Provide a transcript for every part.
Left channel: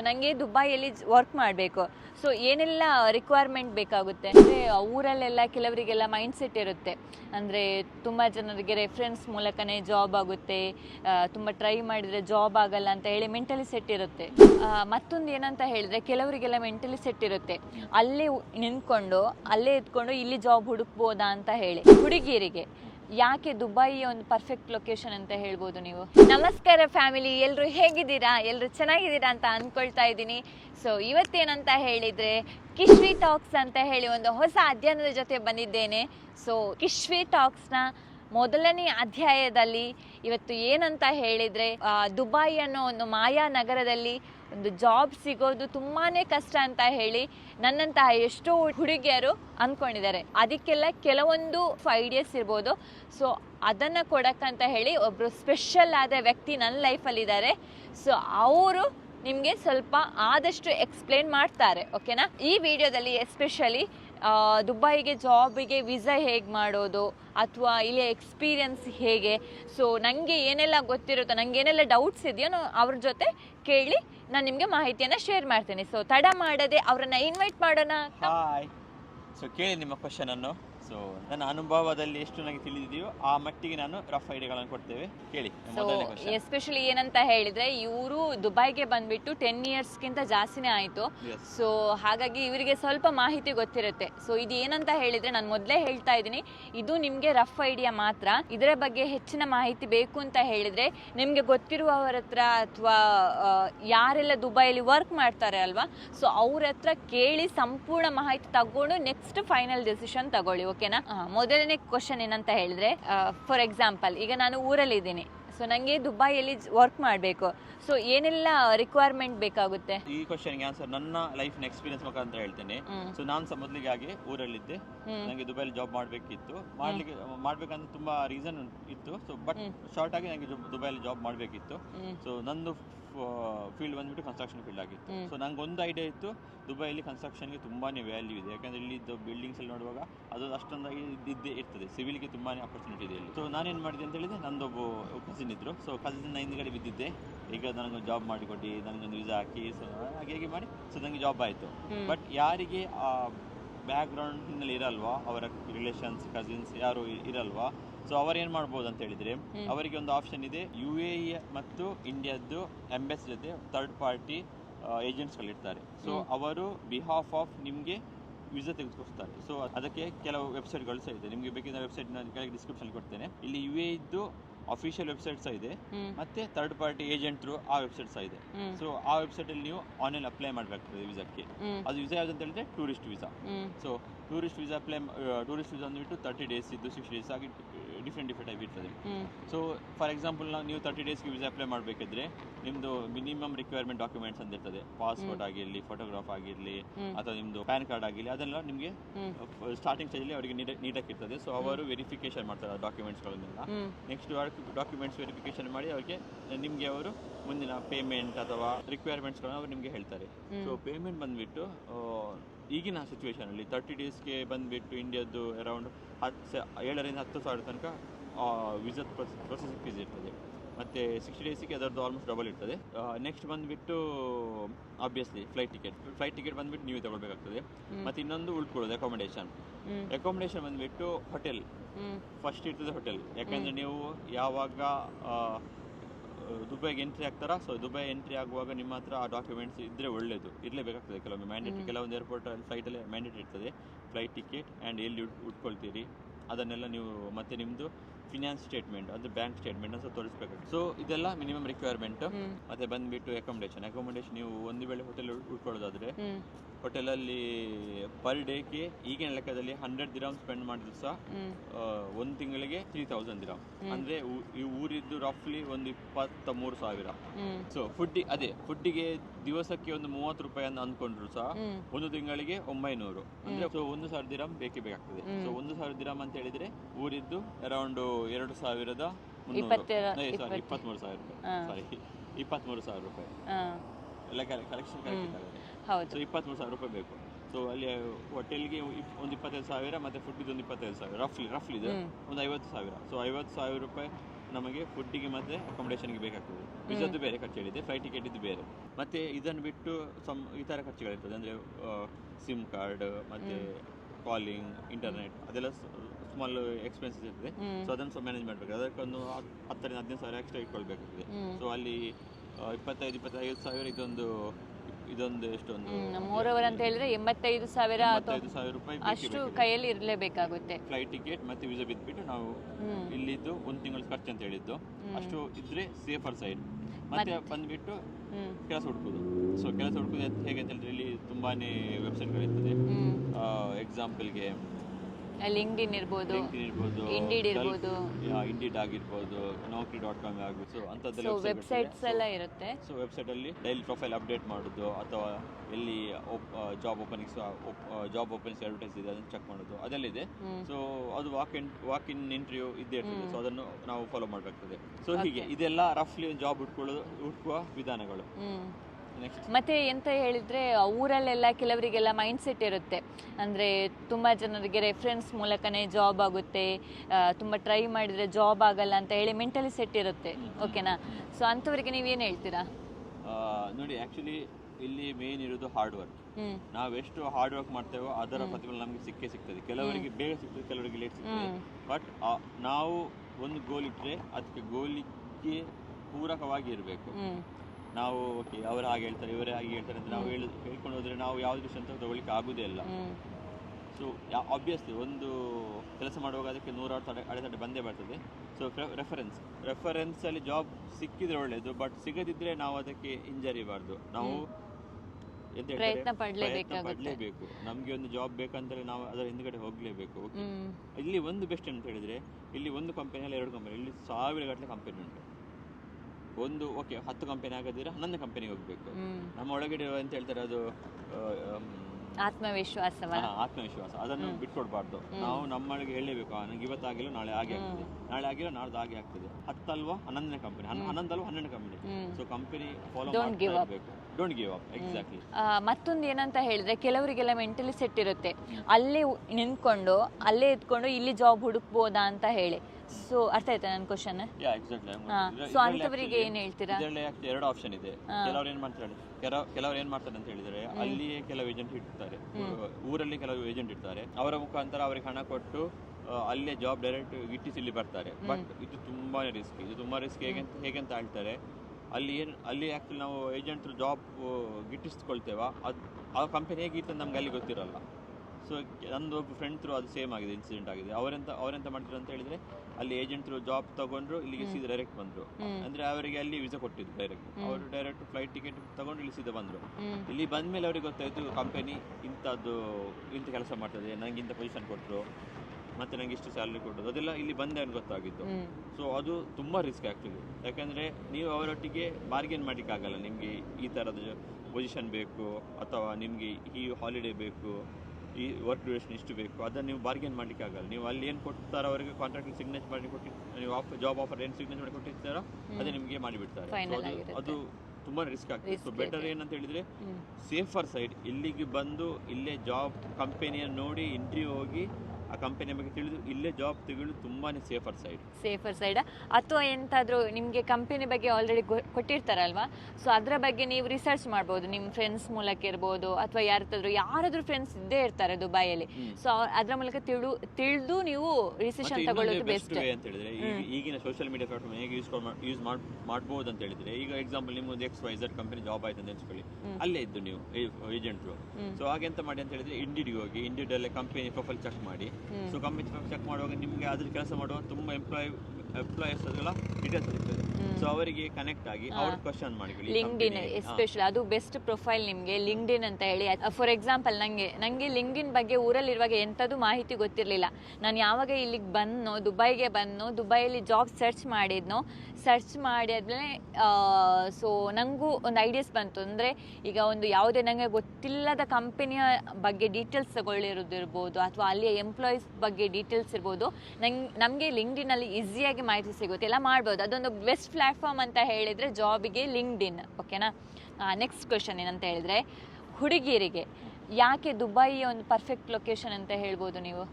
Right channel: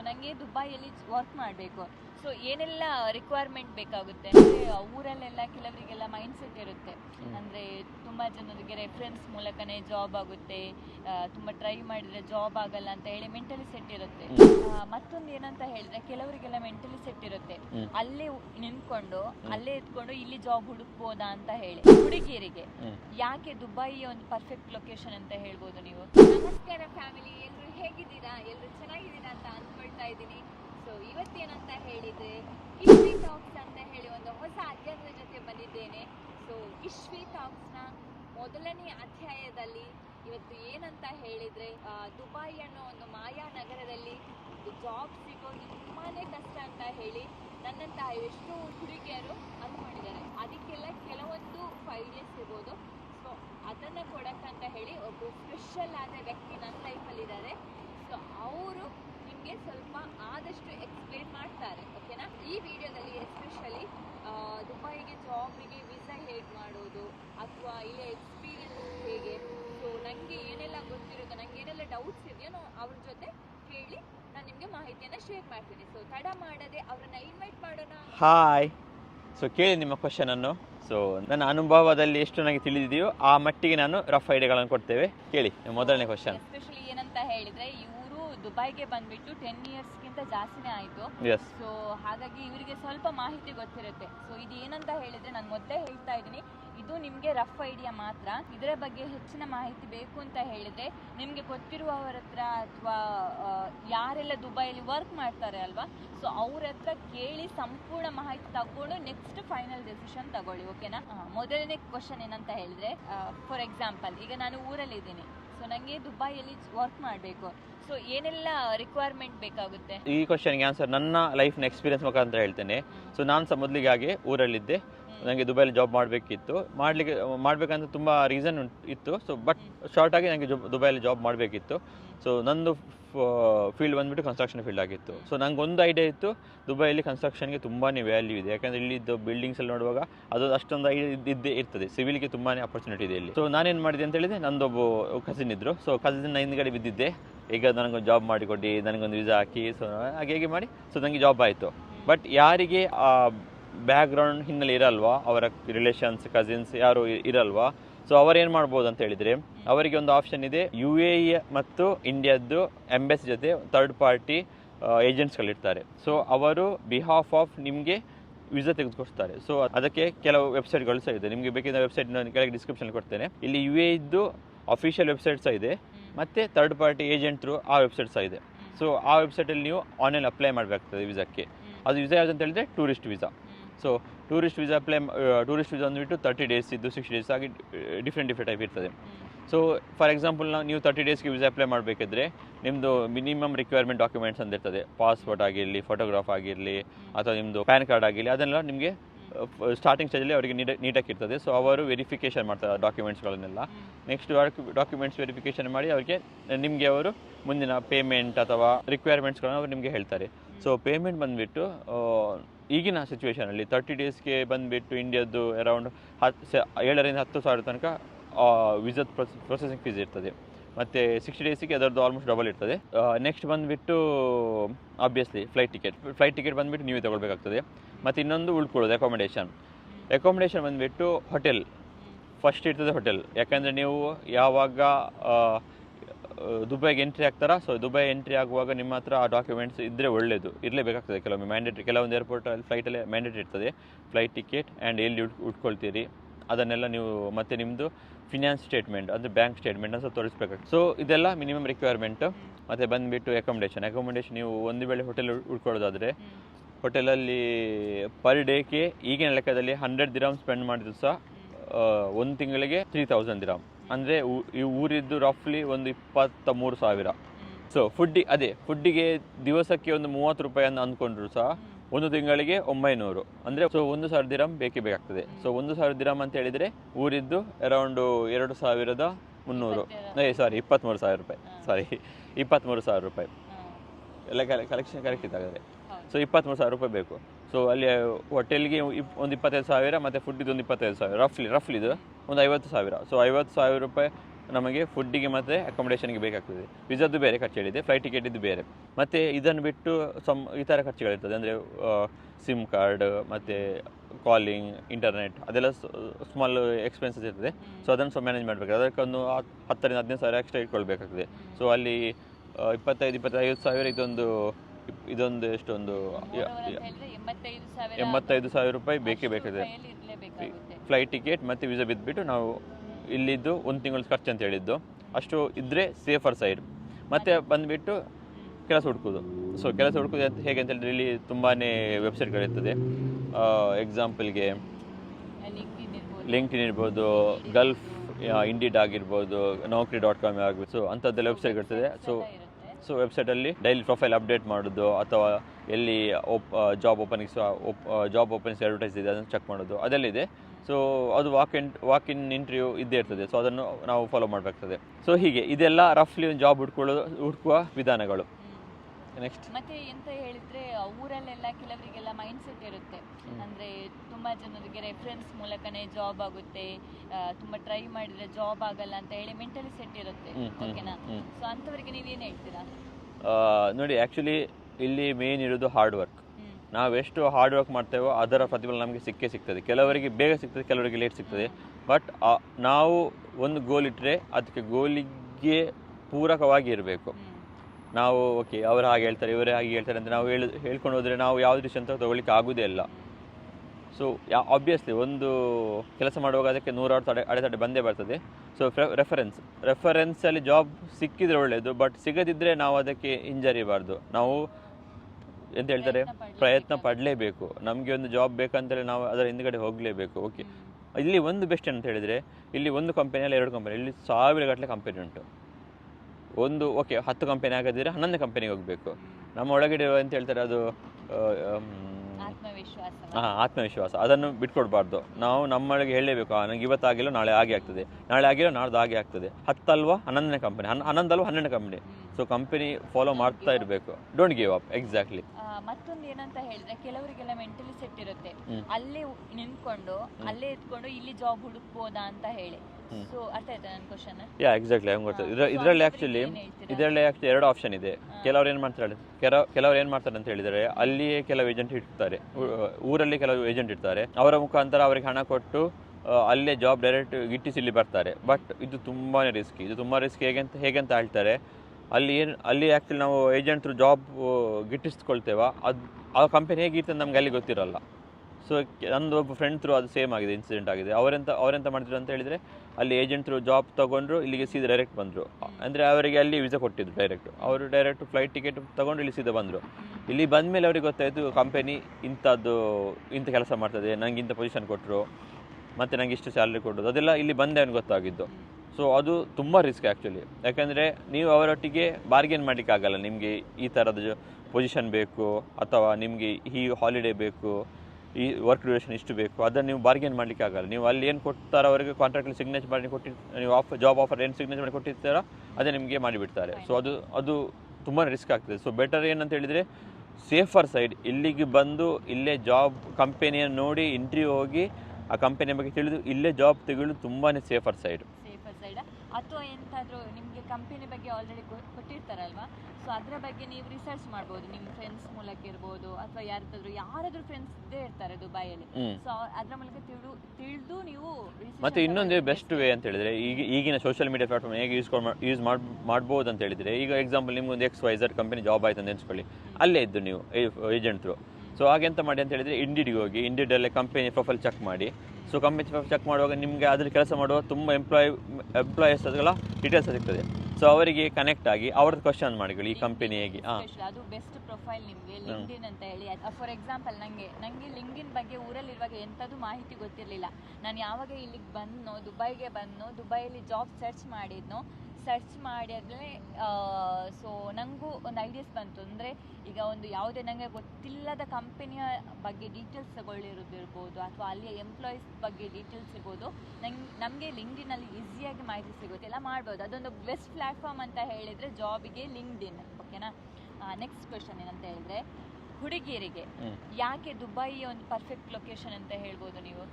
ನನಗೆ ದುಬೈಯಲ್ಲಿ ವರ್ಕ್ ಮಾಡಬೇಕು. ಸೊ ಏನೆಲ್ಲ ರಿಕ್ವೈರ್ಮೆಂಟ್ ಬೇಕಾಗುತ್ತೆ? ಅಂದರೆ ಊರಲ್ಲೆಲ್ಲ ಕೆಲವರಿಗೆಲ್ಲ ಮೈಂಡ್ ಸೆಟ್ ಇರುತ್ತೆ ಅಂದರೆ ತುಂಬ ಜನರಿಗೆ ರೆಫರೆನ್ಸ್ ಮೂಲಕನೇ ಜಾಬ್ ಆಗುತ್ತೆ. ತುಂಬ ಟ್ರೈ ಮಾಡಿದರೆ ಜಾಬ್ ಆಗಲ್ಲ ಅಂತ ಹೇಳಿ ಮೆಂಟಲಿ ಸೆಟ್ ಇರುತ್ತೆ. ಮತ್ತೊಂದು ಏನಂತ ಹೇಳಿದ್ರೆ ಕೆಲವರಿಗೆಲ್ಲ ಮೆಂಟಲಿ ಸೆಟ್ ಇರುತ್ತೆ. ಅಲ್ಲೇ ನಿಂತ್ಕೊಂಡು ಅಲ್ಲೇ ಇದ್ಕೊಂಡು ಇಲ್ಲಿ ಜಾಬ್ ಹುಡುಕ್ಬೋದಾ ಅಂತ ಹೇಳಿ. ಹುಡುಗಿಯರಿಗೆ. ಯಾಕೆ ದುಬೈ ಒಂದು ಪರ್ಫೆಕ್ಟ್ ಲೊಕೇಶನ್ ಅಂತ ಹೇಳ್ಬೋದು ನೀವು? ನಮಸ್ಕಾರ ಫ್ಯಾಮಿಲಿ ಎಲ್ಲರೂ ಹೇಗಿದ್ದೀರಾ? ಎಲ್ಲರೂ ಚೆನ್ನಾಗಿದ್ದೀರಾ ಅಂತ ಅನ್ಕೊಳ್ತಾ ಇದ್ದೀನಿ. ಸೊ ಇವತ್ತೇನಂತ ಹೇಳಿದ್ರೆ ಕಿಶ್ವಿ ಟಾಕ್ಸ್ ಅಂತ ಹೇಳಿ ಒಂದು ಹೊಸ ಅಧ್ಯಯನದ ಜೊತೆ ಬಂದಿದ್ದೇನೆ. ಸೊ ಕಿಶ್ವಿ ಟಾಕ್ಸ್ನ ಮೊದಲನೇ ಅಧ್ಯಾಯದಲ್ಲಿ ಇವತ್ತು ಏನಂತ ಹೇಳಿದ್ರೆ ದುಬೈ ಅನ್ನೋ ಒಂದು ಮಾಯಾ ನಗರದಲ್ಲಿ ಒಂದು ಜಾಬ್ ಸಿಗೋದು ತುಂಬಾನೇ ಕಷ್ಟ ಅಂತ ಹೇಳಿ ನನ್ನಂತಹ ಎಷ್ಟೋ ಹುಡುಗಿಯರು ಅಂದ್ಕೊಂಡಿದ್ದಾರೆ. ಅದಕ್ಕೆಲ್ಲ ಕೆಲವೊಂದು ಐಡಿಯಾಸ್ ಇರ್ಬೋದು. ಸೊ ಅದನ್ನು ಕೊಡಕ್ಕಂತ ಹೇಳಿ ಒಬ್ಬರು ಸ್ಪೆಷಲ್ ಆದ ವ್ಯಕ್ತಿ ನನ್ನ ಲೈಫಲ್ಲಿದ್ದಾರೆ ಸೊ ಅವರು ನಿಮಗೆ ಸ್ವಲ್ಪ ಆದಷ್ಟು ಎಕ್ಸ್ಪ್ಲೇನ್ ಮಾಡ್ತಾರೆ ಓಕೆನಾ ಈ ವಿಡಿಯೋದಲ್ಲಿ ಎಸ್ಪೆಷಲಿ ದುಬೈಗೆ ಜಾಬಿಗೆ ವಿಸಾ ಹೇಗೆ ಮಾಡೋದು ಅಥವಾ ಇಲ್ಲಿ ಎಕ್ಸ್ಪೀರಿಯನ್ಸ್ ಹೇಗೆ? ಸೊ ನನಗೆ ಏನೆಲ್ಲ ಗೊತ್ತಿರುತ್ತೋ ನನಗೆ ಏನೆಲ್ಲ ಡೌಟ್ಸ್ ಇದೆಯೋ ನಾನು ಅವ್ರ ಜೊತೆ ಕೇಳಿ ನಾನು ನಿಮಗೆ ಮಾಹಿತಿಯನ್ನು ಶೇರ್ ಮಾಡ್ತೀನಿ. ಸೊ ತಡ ಮಾಡದೆ ಅವರನ್ನು ಇನ್ವೈಟ್ ಮಾಡೋಣ. ಹಾಯ್ ಸೊ ಕೇಳಿ ನಿಮ್ಮ ಕ್ವಶನ್ ಅನ್ನು. ಸೊ ನನ್ನ ಅನುಭವದಲ್ಲಿ ಎಷ್ಟು ನನಗೆ ತಿಳಿದಿದೆಯೋ ಆ ಮಟ್ಟಿಗೆ ನಾನು ರಫ್ ಐಡಿಯಾಗಳನ್ನು ಕೊಡ್ತೇವೆ. ಕೇಳಿ ಮೊದಲನೇ ಕ್ವಶನ್ ಎಸ್ಪೆಷಲಿ ಏನಂತ ಹೇಳಿದ್ರೆ ಇವರು ದುಬೈಗೆ ಬಂದ್ಬಿಟ್ಟು ಟೆನ್ ಇಯರ್ಸ್ಗಿಂತ ಜಾಸ್ತಿನೇ ಆಯಿತು. ಸೊ ಹಾಗಾಗಿ ಇವರಿಗೆ ಸ್ವಲ್ಪ ಮಾಹಿತಿ ಗೊತ್ತಿರುತ್ತೆ. ಸೊ ಇದು ಏನಂತ ಹೇಳಿದ್ರೆ ನಾನು ಮೊದಲೇ ಹೇಳ್ತಾ ಇದ್ದೀನಿ ಇದು ನಿಮಗೆ ರಫ್ ಐಡಿಯಾ ಮಾತ್ರ. ಇದರ ಬಗ್ಗೆ ಹೆಚ್ಚಿನ ಮಾಹಿತಿ ಬೇಕು ಅಂತ ಹೇಳಿದ್ರೆ ನಿಮಗೆ ಗೊತ್ತಿರುವವರ ಹತ್ರ ಅಥವಾ ಯಾರೆಲ್ಲ ದುಬೈಯಲ್ಲಿ ವರ್ಕ್ ಮಾಡ್ತಾರೆ ಅಲ್ವಾ? ಸೊ ಅವ್ರ ಹತ್ರ ಕೇಳಿ ಸಂಪೂರ್ಣ ಮಾಹಿತಿ ತಗೊಂಡು ನೆಕ್ಸ್ಟ್ ಫೈನಲ್ ಡೆಸಿಷನ್ ತಗೊಳ್ಳಿ ಓಕೆನಾ? ಮೊದಲನೇ ಕ್ವಶನ್ ಏನಂತ ಹೇಳಿದ್ರೆ ಫಾರ್ ಎಕ್ಸಾಂಪಲ್ ಈಗ ನಾನು ಊರಲ್ಲಿದ್ದೀನಿ ಸೊ ನನಗೆ ದುಬೈಯಲ್ಲಿ ವರ್ಕ್ ಮಾಡಬೇಕು. ಸೊ ಏನೆಲ್ಲ ರಿಕ್ವೈರ್ಮೆಂಟ್ ಬೇಕಾಗುತ್ತೆ? ಈ ಕ್ವಶನ್ಗೆ ಆನ್ಸರ್ ನನ್ನ ಲೈಫ್ನ ಎಕ್ಸ್ಪೀರಿಯನ್ಸ್ ಮುಖಾಂತರ ಹೇಳ್ತೇನೆ. ಸೊ ನಾನು ಸಹ ಮೊದಲಿಗೆ ಹಾಗೆ ಊರಲ್ಲಿದ್ದೆ. ನನಗೆ ದುಬೈಲಿ ಜಾಬ್ ಮಾಡಬೇಕಿತ್ತು. ಮಾಡ್ಲಿಕ್ಕೆ ಮಾಡ್ಬೇಕಂತ ತುಂಬ ರೀಸನ್ ಇತ್ತು. ಸೊ ಬಟ್ ಶಾರ್ಟ್ ಆಗಿ ನನಗೆ ದುಬೈಲಿ ಜಾಬ್ ಮಾಡಬೇಕಿತ್ತು. ಸೊ ನಂದು ಫೀಲ್ಡ್ ಬಂದ್ಬಿಟ್ಟು ಕನ್ಸ್ಟ್ರಕ್ಷನ್ ಫೀಲ್ಡ್ ಆಗಿತ್ತು. ಸೊ ನಂಗೆ ಒಂದು ಐಡಿಯಾ ಇತ್ತು ದುಬೈಯಲ್ಲಿ ಕನ್ಸ್ಟ್ರಕ್ಷನ್ಗೆ ತುಂಬಾ ವ್ಯಾಲ್ಯೂ ಇದೆ. ಯಾಕಂದರೆ ಇಲ್ಲಿದ್ದು ಬಿಲ್ಡಿಂಗ್ಸ್ ಎಲ್ಲ ನೋಡುವಾಗ ಅದು ಅಷ್ಟೊಂದು ಐಡಿಯಾ ಇದ್ದೇ ಇರ್ತದೆ. ಸಿವಿಲ್ಗೆ ತುಂಬಾ ಅಪರ್ಚುನಿಟಿ ಇದೆ ಇಲ್ಲಿ. ಸೊ ನಾನೇನು ಮಾಡಿದೆ ಅಂತ ಹೇಳಿದ್ರೆ ನಂದೊಬ್ಬ ಕಸಿನ್ ಇದ್ರು. ಸೊ ಕಸಿನ್ ಹಿಂದ್ಗಡೆ ಬಿದ್ದಿದ್ದೆ. ಈಗ ನನಗೊಂದು ಜಾಬ್ ಮಾಡಿಕೊಡಿ ನನಗೊಂದು ವೀಸಾ ಹಾಕಿ ಸೊ ಹಾಗೆ ಹೇಗೆ ಮಾಡಿ ಸೊ ನನಗೆ ಜಾಬ್ ಆಯಿತು. ಬಟ್ ಯಾರಿಗೆ ಆ ಬ್ಯಾಕ್ಗ್ರೌಂಡ್ ಹಿನ್ನೆಲೆ ಇರಲ್ವಾ? ಅವರ ರಿಲೇಷನ್ಸ್ ಕಸಿನ್ಸ್ ಯಾರು ಇರಲ್ವಾ? ಸೊ ಅವರೇನು ಮಾಡ್ಬೋದು ಅಂತ ಹೇಳಿದ್ರೆ ಅವರಿಗೆ ಒಂದು ಆಪ್ಷನ್ ಇದೆ ಯು ಎ ಇ ಮತ್ತು ಇಂಡಿಯಾದ್ದು ಎಂಬೆಸಿ ಜೊತೆ ಥರ್ಡ್ ಪಾರ್ಟಿ ಏಜೆಂಟ್ಸ್ಗಳಿರ್ತಾರೆ ಸೊ ಅವರು ಬಿಹಾಫ್ ಆಫ್ ನಿಮಗೆ ವಿಸಾ ತೆಗೆದುಕೊಡ್ತಾರೆ ಸೊ ಅದಕ್ಕೆ ಕೆಲವು ವೆಬ್ಸೈಟ್ಗಳು ಸಹ ಇದೆ. ನಿಮಗೆ ಬೇಕಿದ್ದ ವೆಬ್ಸೈಟ್ ನಾನು ಕೆಳಗೆ ಡಿಸ್ಕ್ರಿಪ್ಷನ್ ಕೊಡ್ತೇನೆ. ಇಲ್ಲಿ ಯು ಎ ಇದ್ದು ಅಫಿಷಿಯಲ್ ವೆಬ್ಸೈಟ್ ಸಹ ಇದೆ. ಮತ್ತೆ ಥರ್ಡ್ ಪಾರ್ಟಿ ಏಜೆಂಟ್ ಥ್ರೂ ಆ ವೆಬ್ಸೈಟ್ ಸಹ ಇದೆ. ಸೊ ಆ ವೆಬ್ಸೈಟಲ್ಲಿ ನೀವು ಆನ್ಲೈನ್ ಅಪ್ಲೈ ಮಾಡಬೇಕಾಗ್ತದೆ ವಿಸಾಕ್ಕೆ ಅದು ವಿಸಾ ಯಾವುದು ಅಂತ ಹೇಳಿದ್ರೆ tourist visa. So tourist visa apply tourist visa ಅಂದ್ಬಿಟ್ಟು ತರ್ಟಿ ಡೇಸ್ ಇದ್ದು ಸಿಕ್ಸ್ಟಿ ಡೇಸ್ ಆಗಿ ಡಿಫ್ರೆಂಟ್ ಡಿಫ್ರೆಂಟ್ ಟೈಪ್ ಇರ್ತದೆ. ಸೊ ಫಾರ್ ಎಕ್ಸಾಂಪಲ್ ನಾವು ನೀವು ತರ್ಟಿ ಡೇಸ್ಗೆ ವೀಸಾ ಅಪ್ಲೈ ಮಾಡಬೇಕಿದ್ರೆ ನಿಮ್ಮದು ಮಿನಿಮಮ್ ರಿಕ್ವೈರ್ಮೆಂಟ್ ಡಾಕ್ಯುಮೆಂಟ್ಸ್ ಅಂತ ಇರ್ತದೆ. ಪಾಸ್ಪೋರ್ಟ್ ಆಗಿರಲಿ ಫೋಟೋಗ್ರಾಫ್ ಆಗಿರಲಿ ಅಥವಾ ನಿಮ್ಮದು ಪ್ಯಾನ್ ಕಾರ್ಡ್ ಆಗಿರಲಿ ಅದೆಲ್ಲ ನಿಮಗೆ. ಸ್ಟಾರ್ಟಿಂಗ್ ಸ್ಟೇಜಲ್ಲಿ ಅವರಿಗೆ ನೀಟ ನೀಟಾಗಿ ಇರ್ತದೆ. ಸೊ ಅವರು ವೆರಿಫಿಕೇಶನ್ ಮಾಡ್ತಾರೆ ಡಾಕ್ಯುಮೆಂಟ್ಸ್ಗಳನ್ನೆಲ್ಲ ನೆಕ್ಸ್ಟ್ ಡಾಕ್ಯುಮೆಂಟ್ಸ್ ವೆರಿಫಿಕೇಶನ್ ಮಾಡಿ ಅವರಿಗೆ ನಿಮಗೆ ಅವರು ಮುಂದಿನ ಪೇಮೆಂಟ್ ಅಥವಾ ರಿಕ್ವೈರ್ಮೆಂಟ್ಸ್ಗಳನ್ನು ಅವರು ನಿಮಗೆ ಹೇಳ್ತಾರೆ. ಸೊ ಪೇಮೆಂಟ್ ಬಂದುಬಿಟ್ಟು ಈಗಿನ ಸಿಚುವೇಷನಲ್ಲಿ ತರ್ಟಿ ಡೇಸ್ಗೆ ಬಂದುಬಿಟ್ಟು ಇಂಡಿಯಾದ್ದು ಅರೌಂಡ್ ಹತ್ತು ಸ ಏಳರಿಂದ ಹತ್ತು ಸಾವಿರ ತನಕ ವಿಸಾ ಪ್ರೊಸೆಸಿಂಗ್ ಫೀಸ್ ಇರ್ತದೆ. ಮತ್ತು ಸಿಕ್ಸ್ಟಿ ಡೇಸಿಗೆ ಅದರದ್ದು ಆಲ್ಮೋಸ್ಟ್ ಡಬಲ್ ಇರ್ತದೆ. ನೆಕ್ಸ್ಟ್ ಬಂದುಬಿಟ್ಟು obviously flight ticket flight ticket ಬಂದುಬಿಟ್ಟು ನೀವೇ ತಗೊಳ್ಬೇಕಾಗ್ತದೆ. ಮತ್ತು ಇನ್ನೊಂದು ಉಳ್ಕೊಳ್ಳೋದು ಅಕೊಮಡೇಷನ್ ಅಕಾಮಿಡೇಷನ್ ಬಂದುಬಿಟ್ಟು ಹೋಟೆಲ್ ಫಸ್ಟ್ ಇರ್ತದೆ ಹೋಟೆಲ್ ಯಾಕಂದರೆ ನೀವು ಯಾವಾಗ ದುಬೈಗೆ ಎಂಟ್ರಿ ಆಗ್ತಾರಾ? ಸೊ ದುಬೈ ಎಂಟ್ರಿ ಆಗುವಾಗ ನಿಮ್ಮ ಹತ್ರ ಆ ಡಾಕ್ಯುಮೆಂಟ್ಸ್ ಇದ್ದರೆ ಒಳ್ಳೆಯದು ಇರಲೇಬೇಕಾಗ್ತದೆ. ಕೆಲವೊಮ್ಮೆ ಮ್ಯಾಂಡೇಟ್ರಿ ಕೆಲವೊಂದು ಏರ್ಪೋರ್ಟಲ್ಲಿ ಫ್ಲೈಟಲ್ಲಿ ಮ್ಯಾಂಡೇಟ್ ಇರ್ತದೆ. ಫ್ಲೈಟ್ ಟಿಕೆಟ್ ಆ್ಯಂಡ್ ಎಲ್ಲಿ ಉಟ್ ಉಟ್ಕೊಳ್ತೀರಿ? ಅದನ್ನೆಲ್ಲ ನೀವು ಮತ್ತೆ ನಿಮ್ಮದು ಫಿನಾನ್ಸ್ ಸ್ಟೇಟ್ಮೆಂಟ್ ಅಂದರೆ ಬ್ಯಾಂಕ್ ಸ್ಟೇಟ್ಮೆಂಟ್ ಸಹ ತೋರಿಸ್ಬೇಕಾಗ್ತದೆ. ಸೊ ಇದೆಲ್ಲ ಮಿನಿಮಮ್ ರಿಕ್ವೈರ್ಮೆಂಟ್ ಮತ್ತೆ ಬಂದುಬಿಟ್ಟು ಅಕೊಮಡೇಷನ್ ಅಕೊಮಡೇಷನ್ ನೀವು ಒಂದು ವೇಳೆ ಹೋಟೆಲ್ ಉಳ್ಕೊಳ್ಳೋದಾದರೆ ಹ್ಮ್. ಹೋಟೆಲಲ್ಲಿ ಪರ್ ಡೇಗೆ ಈಗಿನ ಲೆಕ್ಕದಲ್ಲಿ ಹಂಡ್ರೆಡ್ ದಿರಾಮ್ ಸ್ಪೆಂಡ್ ಮಾಡಿದ್ರು ಸಹ ಒಂದು ತಿಂಗಳಿಗೆ ತ್ರೀ ತೌಸಂಡ್ ದಿರಾಮ್ ಅಂದರೆ ಈ ಊರಿದ್ದು ರಫ್ಲಿ ಒಂದು ಇಪ್ಪತ್ತ ಮೂರು ಸಾವಿರ. ಸೊ ಫುಡ್ ಅದೇ ಫುಡ್ಡಿಗೆ ದಿವಸಕ್ಕೆ ಒಂದು ಮೂವತ್ತು ಅಂತ ಅಂದ್ಕೊಂಡ್ರು ಸಹ ಒಂದು ತಿಂಗಳಿಗೆ ಒಂಬೈನೂರು. ಅಂದ್ರೆ ಸೊ ಒಂದು ಸಾವಿರ ದಿರಾಮ್ ಬೇಕೇ ಬೇಕಾಗ್ತದೆ. ಸೊ ಒಂದು ಸಾವಿರ ದಿರಾಮ್ ಅಂತ ಹೇಳಿದ್ರೆ ಊರಿದ್ದು ಅರೌಂಡ್ ಎರಡು ಸಾವಿರದ ಮುನ್ನೂರು. ಸಾರಿ ಇಪ್ಪತ್ತ್ಮೂರು ಸಾವಿರ ರೂಪಾಯಿ. ಸಾರಿ ಇಪ್ಪತ್ತ್ಮೂರು ಸಾವಿರ ರೂಪಾಯಿ. ಎಲ್ಲ ಕಲೆಕ್ಷನ್ ಕರೆಕ್ಟ್ ಇದ್ದಾಗದೆ ಹೌದು. ಸೊ ಇಪ್ಪತ್ತ್ಮೂರು ಸಾವಿರ ರೂಪಾಯಿ ಬೇಕು. ಸೊ ಅಲ್ಲಿ ಹೋಟೆಲ್ಗೆ ಒಂದು ಇಪ್ಪತ್ತೈದು ಸಾವಿರ ಮತ್ತು ಫುಡ್ಡಿದ್ದು ಒಂದು ಇಪ್ಪತ್ತೈದು ಸಾವಿರ ರಫ್ಲಿ ರಫ್ಲಿ ಇದು. ಒಂದು ಐವತ್ತು ಸಾವಿರ. ಸೊ ಐವತ್ತು ಸಾವಿರ ರೂಪಾಯಿ ನಮಗೆ ಫುಡ್ಡಿಗೆ ಮತ್ತು ಅಕಾಮಿಡೇಷನ್ಗೆ ಬೇಕಾಗ್ತದೆ. ವಿಸದ್ದು ಬೇರೆ ಖರ್ಚು ಹೇಳಿದೆ ಫ್ಲೈಟ್ ಟಿಕೆಟಿದ್ದು ಬೇರೆ. ಮತ್ತು ಇದನ್ನು ಬಿಟ್ಟು ಸಮ್ ಈ ಥರ ಖರ್ಚುಗಳಿರ್ತದೆ. ಅಂದರೆ ಸಿಮ್ ಕಾರ್ಡ್ ಮತ್ತು ಕಾಲಿಂಗ್ ಇಂಟರ್ನೆಟ್ ಅದೆಲ್ಲ ಸ್ಮಾಲ್ ಎಕ್ಸ್ಪೆನ್ಸಸ್ ಇರ್ತದೆ. ಸೊ ಅದನ್ನು ಸೊ ಮ್ಯಾನೇಜ್ ಮಾಡಬೇಕು ಅದಕ್ಕೊಂದು ಹತ್- ಹತ್ತರಿಂದ ಹದಿನೈದು ಸಾವಿರ ಎಕ್ಸ್ಟ್ರಾ ಇಟ್ಕೊಳ್ಬೇಕಾಗ್ತದೆ. ಸೊ ಅಲ್ಲಿ ಇಪ್ಪತ್ತೈದು ಇಪ್ಪತ್ತೈದು ಸಾವಿರ ಇದೊಂದು ಇದೊಂದು ಎಷ್ಟೊಂದು? ಅಂತ ಹೇಳಿದ್ರೆ ಎಂಬತ್ತೈದು ಸಾವಿರ ಎಂಬತ್ತೈದು ಸಾವಿರ ರೂಪಾಯಿ ಬೇಕೇ ಬೇಕಾಗುತ್ತೆ ಕೈಯಲ್ಲಿ ಇರ್ಲೇಬೇಕಾಗುತ್ತೆ. ಫ್ಲೈಟ್ ಟಿಕೆಟ್ ಮತ್ತೆ ವೀಸಾ ಬಿದ್ದುಬಿಟ್ಟು ನಾವು ಇಲ್ಲಿದ್ದು ಒಂದು ತಿಂಗಳ ಖರ್ಚು ಅಂತ ಹೇಳಿದ್ದು. ಅಷ್ಟು ಇದ್ರೆ ಸೇಫರ್ ಸೈಡ್ ಮತ್ತೆ ಬಂದ್ಬಿಟ್ಟು ಕೆಲಸ ಹುಡುಕೋದು. ಸೊ ಕೆಲಸ ಹುಡುಕೋದು ಹೇಗೆ ಅಂತ ಹೇಳಿದ್ರೆ ಇಲ್ಲಿ ತುಂಬಾನೇ ವೆಬ್ಸೈಟ್ಗಳಿರ್ತದೆ. ಎಕ್ಸಾಂಪಲ್ಗೆ ಲಿಂಕ್ಡ್ಇನ್ ಇರ್ಬೋದು. ಇರ್ಬೋದು Indeed ಗಲ್ಫ್. ಇಂಡಿಡ್ ಆಗಿರ್ಬೋದು ನೌಕರಿ ಡಾಟ್ ಕಾಮ್ ಆಗಿರ್ಬೋದು ಸೊ ಅಂಥದ್ದೆಲ್ಲ ವೆಬ್ಸೈಟ್ ಇರ್ತದೆ ಸೊ ಎಲ್ಲ ಅಲ್ಲಿ ಸೊ ವೆಬ್ಸೈಟಲ್ಲಿ ಡೈಲಿ ಪ್ರೊಫೈಲ್ ಅಪ್ಡೇಟ್ ಮಾಡೋದು ಅಥವಾ ಎಲ್ಲಿ job openings job openings advertise ಇದೆ ಅದನ್ನು ಚೆಕ್ ಮಾಡೋದು. ಅದೆಲ್ಲಿದೆ. ಸೊ ಅದು walk in walk in interview ಇದ್ದೇ ಇರ್ತದೆ. ಸೊ ಅದನ್ನು ನಾವು ಫಾಲೋ ಮಾಡಬೇಕಾಗ್ತದೆ. ಸೊ ಹೀಗೆ. ಇದೆಲ್ಲ ರಫ್ಲಿ ಒಂದು ಜಾಬ್ ಹುಡ್ಕೊಳ್ಳೋದು ಹುಡುಕುವ ವಿಧಾನಗಳು. ಮತ್ತೆ ಎಂತ ಹೇಳಿದ್ರೆ ಊರಲ್ಲೆಲ್ಲ ಕೆಲವರಿಗೆಲ್ಲ ಮೈಂಡ್ ಸೆಟ್ ಇರುತ್ತೆ ಅಂದ್ರೆ ತುಂಬಾ ಜನರಿಗೆ ರೆಫರೆನ್ಸ್ ಮೂಲಕನೇ ಜಾಬ್ ಆಗುತ್ತೆ ತುಂಬಾ ಟ್ರೈ ಮಾಡಿದ್ರೆ ಜಾಬ್ ಆಗಲ್ಲ ಅಂತ ಹೇಳಿ ಮೆಂಟಲಿ ಸೆಟ್ ಇರುತ್ತೆ ಓಕೆನಾ ಸೊ ಅಂತವರಿಗೆ ನೀವ್ ಏನ್ ಹೇಳ್ತೀರಾ? ನೋಡಿ ಆಕ್ಚುಲಿ ಇಲ್ಲಿ ಮೇನ್ ಇರೋದು ಹಾರ್ಡ್ ವರ್ಕ್ ನಾವ್ ಎಷ್ಟು ಹಾರ್ಡ್ ವರ್ಕ್ ಮಾಡ್ತೇವೋ ಅದರ ಪ್ರತಿಫಲ ನಮಗೆ ಸಿಕ್ಕೇ ಸಿಗ್ತದೆ. ಕೆಲವರಿಗೆ ಬೇಗ ಸಿಗ್ತದೆ ಕೆಲವರಿಗೆ ಲೇಟ್ ಸಿಗ್ತದೆ. ಬಟ್ ನಾವು ಒಂದು ಗೋಲ್ ಇಟ್ಟರೆ ಅದಕ್ಕೆ ಗೋಲಿಗೆ ಪೂರಕವಾಗಿ ಇರಬೇಕು. ನಾವು ಓಕೆ ಅವರು ಹಾಗೆ ಹೇಳ್ತಾರೆ ಇವರೇ ಹಾಗೆ ಹೇಳ್ತಾರೆ ಅಂತ ನಾವು ಹೇಳಿ ಹೇಳ್ಕೊಂಡು ಹೋದ್ರೆ ನಾವು ಯಾವುದೇ ಡಿಸಿಷನ್ ತಗೊಳ್ಳಿಕ್ಕೆ ಆಗೋದೇ ಇಲ್ಲ. ಸೊ ಸೊ ಆಬ್ವಿಯಸ್ಲಿ ಒಂದು ಕೆಲಸ ಮಾಡುವಾಗ ಅದಕ್ಕೆ ನೂರಾರು ತಡೆ ಅಡೆತಡೆ ಬಂದೇ ಬರ್ತದೆ. ಸೊ ರೆಫರೆನ್ಸ್ ರೆಫರೆನ್ಸಲ್ಲಿ ಜಾಬ್ ಸಿಕ್ಕಿದ್ರೆ ಒಳ್ಳೆಯದು ಬಟ್ ಸಿಗದಿದ್ದರೆ ನಾವು ಅದಕ್ಕೆ ಹಿಂಜರಿಬಾರ್ದು ನಾವು ಎಂತ ಹೇಳ್ತಾರೆ? ಪ್ರಯತ್ನ ಪಡಲೇಬೇಕು. ನಮಗೆ ಒಂದು ಜಾಬ್ ಬೇಕಂತೇಳಿ ನಾವು ಅದರ ಹಿಂದ್ಗಡೆ ಹೋಗಲೇಬೇಕು ಓಕೆ ಇಲ್ಲಿ ಒಂದು ಬೆಸ್ಟ್ ಅಂತ ಹೇಳಿದರೆ ಇಲ್ಲಿ ಒಂದು ಕಂಪನಿಯಲ್ಲಿ ಎರಡು ಕಂಪನಿ ಇಲ್ಲಿ ಸಾವಿರ ಗಟ್ಟಲೆ ಕಂಪನಿ ಉಂಟು. ಒಂದು ಓಕೆ ಹತ್ತು ಕಂಪನಿ ಆಗದಿದ್ರೆ ಹನ್ನೊಂದು ಕಂಪನಿಗೆ ಹೋಗಬೇಕು. ನಮ್ಮ ಒಳಗಡೆ ಅಂತ ಹೇಳ್ತಾರೆ ಅದು ಆತ್ಮವಿಶ್ವಾಸ ಆತ್ಮವಿಶ್ವಾಸ. ಅದನ್ನು ಬಿಟ್ಕೊಡ್ಬಾರ್ದು. ನಾವು ನಮ್ಮೊಳಗೆ ಹೇಳಲೇಬೇಕು ನನಗೆ ನಂಗೆ ಇವತ್ತು ಆಗಿಲ್ಲ ನಾಳೆ ಆಗಿ ಆಗ್ತದೆ. ನಾಳೆ ಆಗಿಲ್ಲ ನಾಡ್ದು ಆಗಿ ಆಗ್ತದೆ. ಹತ್ತಲ್ವಾ ಹನ್ನೊಂದನೇ ಕಂಪನಿ ಹನ್ನೊಂದಲ್ವಾ ಹನ್ನೆರಡು ಕಂಪನಿ. ಸೊ ಕಂಪನಿ ಫಾಲೋ ಮಾಡ್ತಾ. ಇರಬೇಕು. ಡೋಂಟ್ ಗಿವ್ ಅಪ್ ಎಕ್ಸಾಕ್ಟ್ಲಿ ಮತ್ತೊಂದು ಏನಂತ ಹೇಳಿದ್ರೆ ಕೆಲವರಿಗೆಲ್ಲ ಮೆಂಟಲಿ ಸೆಟ್ ಇರುತ್ತೆ. ಅಲ್ಲಿ ನಿಂತ್ಕೊಂಡು ಅಲ್ಲೇ ಇದ್ಕೊಂಡು ಇಲ್ಲಿ ಜಾಬ್ ಹುಡುಕ್ಬೋದಾ ಅಂತ ಹೇಳಿ. ಸೊ ಅರ್ಥ ಆಯ್ತಾ ನನ್ನ ಕ್ವಶನ್ ಯಾ ಎಕ್ಸಾಕ್ಟ್ಲಿ ಹೆಂಗ್ ಗೊತ್ತಾ ಹಾ. So ಇದರಲ್ಲಿ ಅಂಥವ್ರಿಗೆ ಆಕ್ಚುಲಿ ಏನ್ ಹೇಳ್ತೀರಾ? ಇದರಲ್ಲಿ ಆಕ್ಚುಲಿ ಎರಡು ಆಪ್ಷನ್ ಇದೆ. ಕೆಲವ್ರು ಏನ್ ಮಾಡ್ತಾರೆ ಕೆಲ ಕೆಲವ್ರು ಏನ್ ಮಾಡ್ತಾರೆ ಅಂತ ಹೇಳಿದ್ರೆ ಅಲ್ಲಿಯೇ ಕೆಲವು ಏಜೆಂಟ್ ಇಡ್ತಾರೆ. ಊ- ಊರಲ್ಲಿ ಕೆಲವು ಏಜೆಂಟ್ ಇರ್ತಾರೆ ಅವರ ಮುಖಾಂತರ ಅವರಿಗೆ ಹಣ ಕೊಟ್ಟು ಆ, ಅಲ್ಲೇ ಜಾಬ್ ಡೈರೆಕ್ಟ್ ಗಿಟ್ಟಿಸಿ ಇಲ್ಲಿ ಬರ್ತಾರೆ. ಬಟ್ ಇದು ತುಂಬಾನೇ ರಿಸ್ಕ್ ಇದು ತುಂಬಾ ರಿಸ್ಕ್ ಹೇಗೆ ಅಂತ ಹೇಗೆ ಅಂತ ಹೇಳ್ತಾರೆ ಅಲ್ಲಿ ಏನು ಅಲ್ಲಿ ಆ್ಯಕ್ಚುಲಿ ನಾವು ಏಜೆಂಟ್ ಥ್ರೂ ಜಾಬ್ ಗಿಟ್ಟಿಸ್ಕೊಳ್ತೇವ? ಅದು ಆ ಕಂಪನಿ ಹೇಗಿರ್ತದೆ ನಮ್ಗೆ ಅಲ್ಲಿ ಗೊತ್ತಿರಲ್ಲ. ಸೊ ನಂದು ಒಬ್ಬ ಫ್ರೆಂಡ್ ಥ್ರೂ ಅದು ಸೇಮ್ ಆಗಿದೆ ಇನ್ಸಿಡೆಂಟ್ ಆಗಿದೆ. ಅವರೆಂತ ಅವರೆಂತ ಮಾಡಿದ್ರು ಅಂತ ಹೇಳಿದ್ರೆ ಅಲ್ಲಿ ಏಜೆಂಟ್ ಥ್ರೂ ಜಾಬ್ ತಗೊಂಡ್ರು ಇಲ್ಲಿಗೆ ಸೀದಾ ಡೈರೆಕ್ಟ್ ಬಂದ್ರು. ಅಂದ್ರೆ ಅವರಿಗೆ ಅಲ್ಲಿ ವಿಸಾ ಕೊಟ್ಟಿದ್ರು ಡೈರೆಕ್ಟ್ ಅವರು ಡೈರೆಕ್ಟ್ ಫ್ಲೈಟ್ ಟಿಕೆಟ್ ತಗೊಂಡು ಇಲ್ಲಿ ಸೀದಾ ಬಂದ್ರು. ಇಲ್ಲಿ ಬಂದ್ಮೇಲೆ ಅವ್ರಿಗೆ ಗೊತ್ತಾಯ್ತು ಕಂಪನಿ ಇಂಥದ್ದು ಇಂಥ ಕೆಲಸ ಮಾಡ್ತದೆ ನಂಗೆ ಇಂಥ ಪೊಸಿಷನ್ ಕೊಟ್ಟರು ಮತ್ತೆ ನಂಗೆ ಇಷ್ಟು ಸ್ಯಾಲ್ರಿ ಕೊಡೋದು ಅದೆಲ್ಲ ಇಲ್ಲಿ ಬಂದೆ ಅವ್ನಿಗೆ ಗೊತ್ತಾಗಿದ್ದು. ಸೊ ಅದು ತುಂಬ ರಿಸ್ಕ್ ಆ್ಯಕ್ಚುಲಿ ಯಾಕಂದರೆ ನೀವು ಅವರೊಟ್ಟಿಗೆ ಬಾರ್ಗೇನ್ ಮಾಡಲಿಕ್ಕಾಗಲ್ಲ ನಿಮಗೆ ಈ ಥರದ ಪೊಸಿಷನ್ ಬೇಕು ಅಥವಾ ನಿಮಗೆ ಈ ಹಾಲಿಡೇ ಬೇಕು ಈ ವರ್ಕ್ ಡ್ಯೂರೇಷನ್ ಇಷ್ಟು ಬೇಕು. ಅದನ್ನು ನೀವು ಬಾರ್ಗೇನ್ ಮಾಡಲಿಕ್ಕೆ ಆಗಲ್ಲ. ನೀವು ಅಲ್ಲಿ ಏನು ಕೊಡ್ತಾರೋ ಅವರಿಗೆ ಕಾಂಟ್ರಾಕ್ಟ್ ಸಿಗ್ನೇಚರ್ ಮಾಡಿ ಕೊಟ್ಟಿ ನೀವು ಆಫ್ ಜಾಬ್ ಆಫರ್ ಏನು ಸಿಗ್ನೇಚರ್ ಮಾಡಿ ಕೊಟ್ಟಿರ್ತಾರೋ ಅದೇ ನಿಮಗೆ ಮಾಡಿಬಿಡ್ತಾರೆ. ಸೊ ಅದು ಅದು ತುಂಬಾ ರಿಸ್ಕ್ ಆಗ್ತದೆ. ಸೊ ಬೆಟರ್ ಏನಂತ ಹೇಳಿದರೆ. ಸೇಫರ್ ಸೈಡ್ ಇಲ್ಲಿಗೆ ಬಂದು ಇಲ್ಲೇ ಜಾಬ್ ಕಂಪನಿಯನ್ನು ನೋಡಿ ಇಂಟರ್ವ್ಯೂ ಹೋಗಿ ಆ ಕಂಪನಿಯ ಬಗ್ಗೆ ತಿಳಿದು ಇಲ್ಲೇ ಜಾಬ್ ತೆಗೆದು ತುಂಬಾನೇ ಸೇಫರ್ ಸೈಡ್ ಸೇಫರ್ ಸೈಡ್ ಅಥವಾ ಎಂತಾದ್ರೂ ನಿಮಗೆ ಕಂಪನಿ ಬಗ್ಗೆ ಆಲ್ರೆಡಿ ಕೊಟ್ಟಿರ್ತಾರಲ್ವಾ? ಸೊ ಅದರ ಬಗ್ಗೆ ನೀವು ರಿಸರ್ಚ್ ಮಾಡ್ಬೋದು. ನಿಮ್ಮ ಫ್ರೆಂಡ್ಸ್ ಮೂಲಕ ಇರ್ಬೋದು ಅಥವಾ ಯಾರತ್ತಾದ್ರೂ ಯಾರಾದ್ರೂ ಫ್ರೆಂಡ್ಸ್ ಇದ್ದೇ ಇರ್ತಾರೆ ದುಬೈಯಲ್ಲಿ. ಸೊ ಅದರ ಮೂಲಕ ತಿಳು ತಿಳಿದು ನೀವು ಮತ್ತೆ ಇನ್ನೊಂದು ಬೆಸ್ಟ್ ವೇ ಅಂತ ಹೇಳಿದ್ರೆ ಈಗ ಈಗಿನ ಸೋಷಿಯಲ್ ಮೀಡಿಯಾ ಪ್ಲಾಟ್ಫಾರ್ಮ್ ಹೇಗೆ ಯೂಸ್ ಯೂಸ್ ಮಾಡ್ಬೋದು ಅಂತ ಹೇಳಿದ್ರೆ ಈಗ ಎಕ್ಸಾಂಪಲ್ ನಿಮ್ಗೆ ಒಂದು ಎಕ್ಸ್ ವೈಸರ್ ಕಂಪನಿ ಜಾಬ್ ಆಯ್ತು ಅಂತ ಎನ್ಸ್ಕೊಳ್ಳಿ ಅಲ್ಲೇ ಇದ್ದು ನೀವು ಏಜೆಂಟ್ ಥ್ರೂ. ಸೊ ಹಾಗೆಂತ ಮಾಡಿ ಅಂತ ಹೇಳಿದ್ರೆ ಇಂಡಿಡ್ಗೆ ಹೋಗಿ ಇಂಡಿಡಲ್ಲೇ ಕಂಪನಿ ಪ್ರೊಫೈಲ್ ಚೆಕ್ ಮಾಡಿ. ಸೊ ಕಂಪನಿ ಚೆಕ್ ಮಾಡುವಾಗ ನಿಮಗೆ ಅದ್ರ ಕೆಲಸ ಮಾಡುವ ತುಂಬ ಎಂಪ್ಲಾಯ್ ಎಂಪ್ಲಾಯೀಸ್ ಅದೆಲ್ಲ ಡೀಟೇಲ್ಸ್ ಸಿಗ್ತದೆ. ಸೊ ಅವರಿಗೆ ಕನೆಕ್ಟ್ ಆಗಿ ಅವ್ರದ್ದು ಕ್ವಶನ್ ಮಾಡಿಕೊಳ್ಳಿ ಈ ಕಂಪನಿ. ಎಸ್ಪೆಷಲಿ ಅದು ಬೆಸ್ಟ್ ಪ್ರೊಫೈಲ್ ನಿಮಗೆ ಲಿಂಕ್ಡಿನ್ ಅಂತ ಹೇಳಿ. ಫಾರ್ ಎಕ್ಸಾಂಪಲ್ ನಂಗೆ ನಂಗೆ ಇನ್ ಬಗ್ಗೆ ಊರಲ್ಲಿರುವಾಗ ಎಂಥದ್ದು ಮಾಹಿತಿ ಗೊತ್ತಿರಲಿಲ್ಲ. ನಾನು ಯಾವಾಗ ಇಲ್ಲಿಗೆ ಬಂದ್ನೋ ದುಬೈಗೆ ಬಂದ್ನೋ ದುಬೈಯಲ್ಲಿ ಜಾಬ್ ಸರ್ಚ್ ಮಾಡಿದ್ನೋ ಸರ್ಚ್ ಮಾಡಿ ಆದ್ಮೇಲೆ ಸೊ ನನಗೂ ಒಂದು ಐಡಿಯಾಸ್ ಬಂತು. ಅಂದರೆ ಈಗ ಒಂದು ಯಾವುದೇ ನನಗೆ ಗೊತ್ತಿಲ್ಲದ ಕಂಪನಿಯ ಬಗ್ಗೆ ಡೀಟೇಲ್ಸ್ ತಗೊಳ್ಳಿರೋದಿರ್ಬೋದು ಅಥವಾ ಅಲ್ಲಿಯ ಎಂಪ್ಲಾಯೀಸ್ ಬಗ್ಗೆ ಡೀಟೇಲ್ಸ್ ಇರ್ಬೋದು. ನಂಗೆ ನಮಗೆ ಲಿಂಕ್ಡಿನಲ್ಲಿ ಈಸಿಯಾಗಿ ಮಾಹಿತಿ ಸಿಗುತ್ತೆ. ಎಲ್ಲ ಮಾಡ್ಬೋದು. ಅದೊಂದು ಬೆಸ್ಟ್ ಪ್ಲ್ಯಾಟ್ಫಾರ್ಮ್ ಅಂತ ಹೇಳಿದರೆ ಜಾಬಿಗೆ ಲಿಂಕ್ಡಿನ್ ಓಕೆನಾ ನೆಕ್ಸ್ಟ್ ಕ್ವೆಶನ್ ಏನಂತ ಹೇಳಿದರೆ ಹುಡುಗಿಯರಿಗೆ ಯಾಕೆ ದುಬೈ ಒಂದು ಪರ್ಫೆಕ್ಟ್ ಲೊಕೇಶನ್ ಅಂತ ಹೇಳ್ಬೋದು ನೀವು?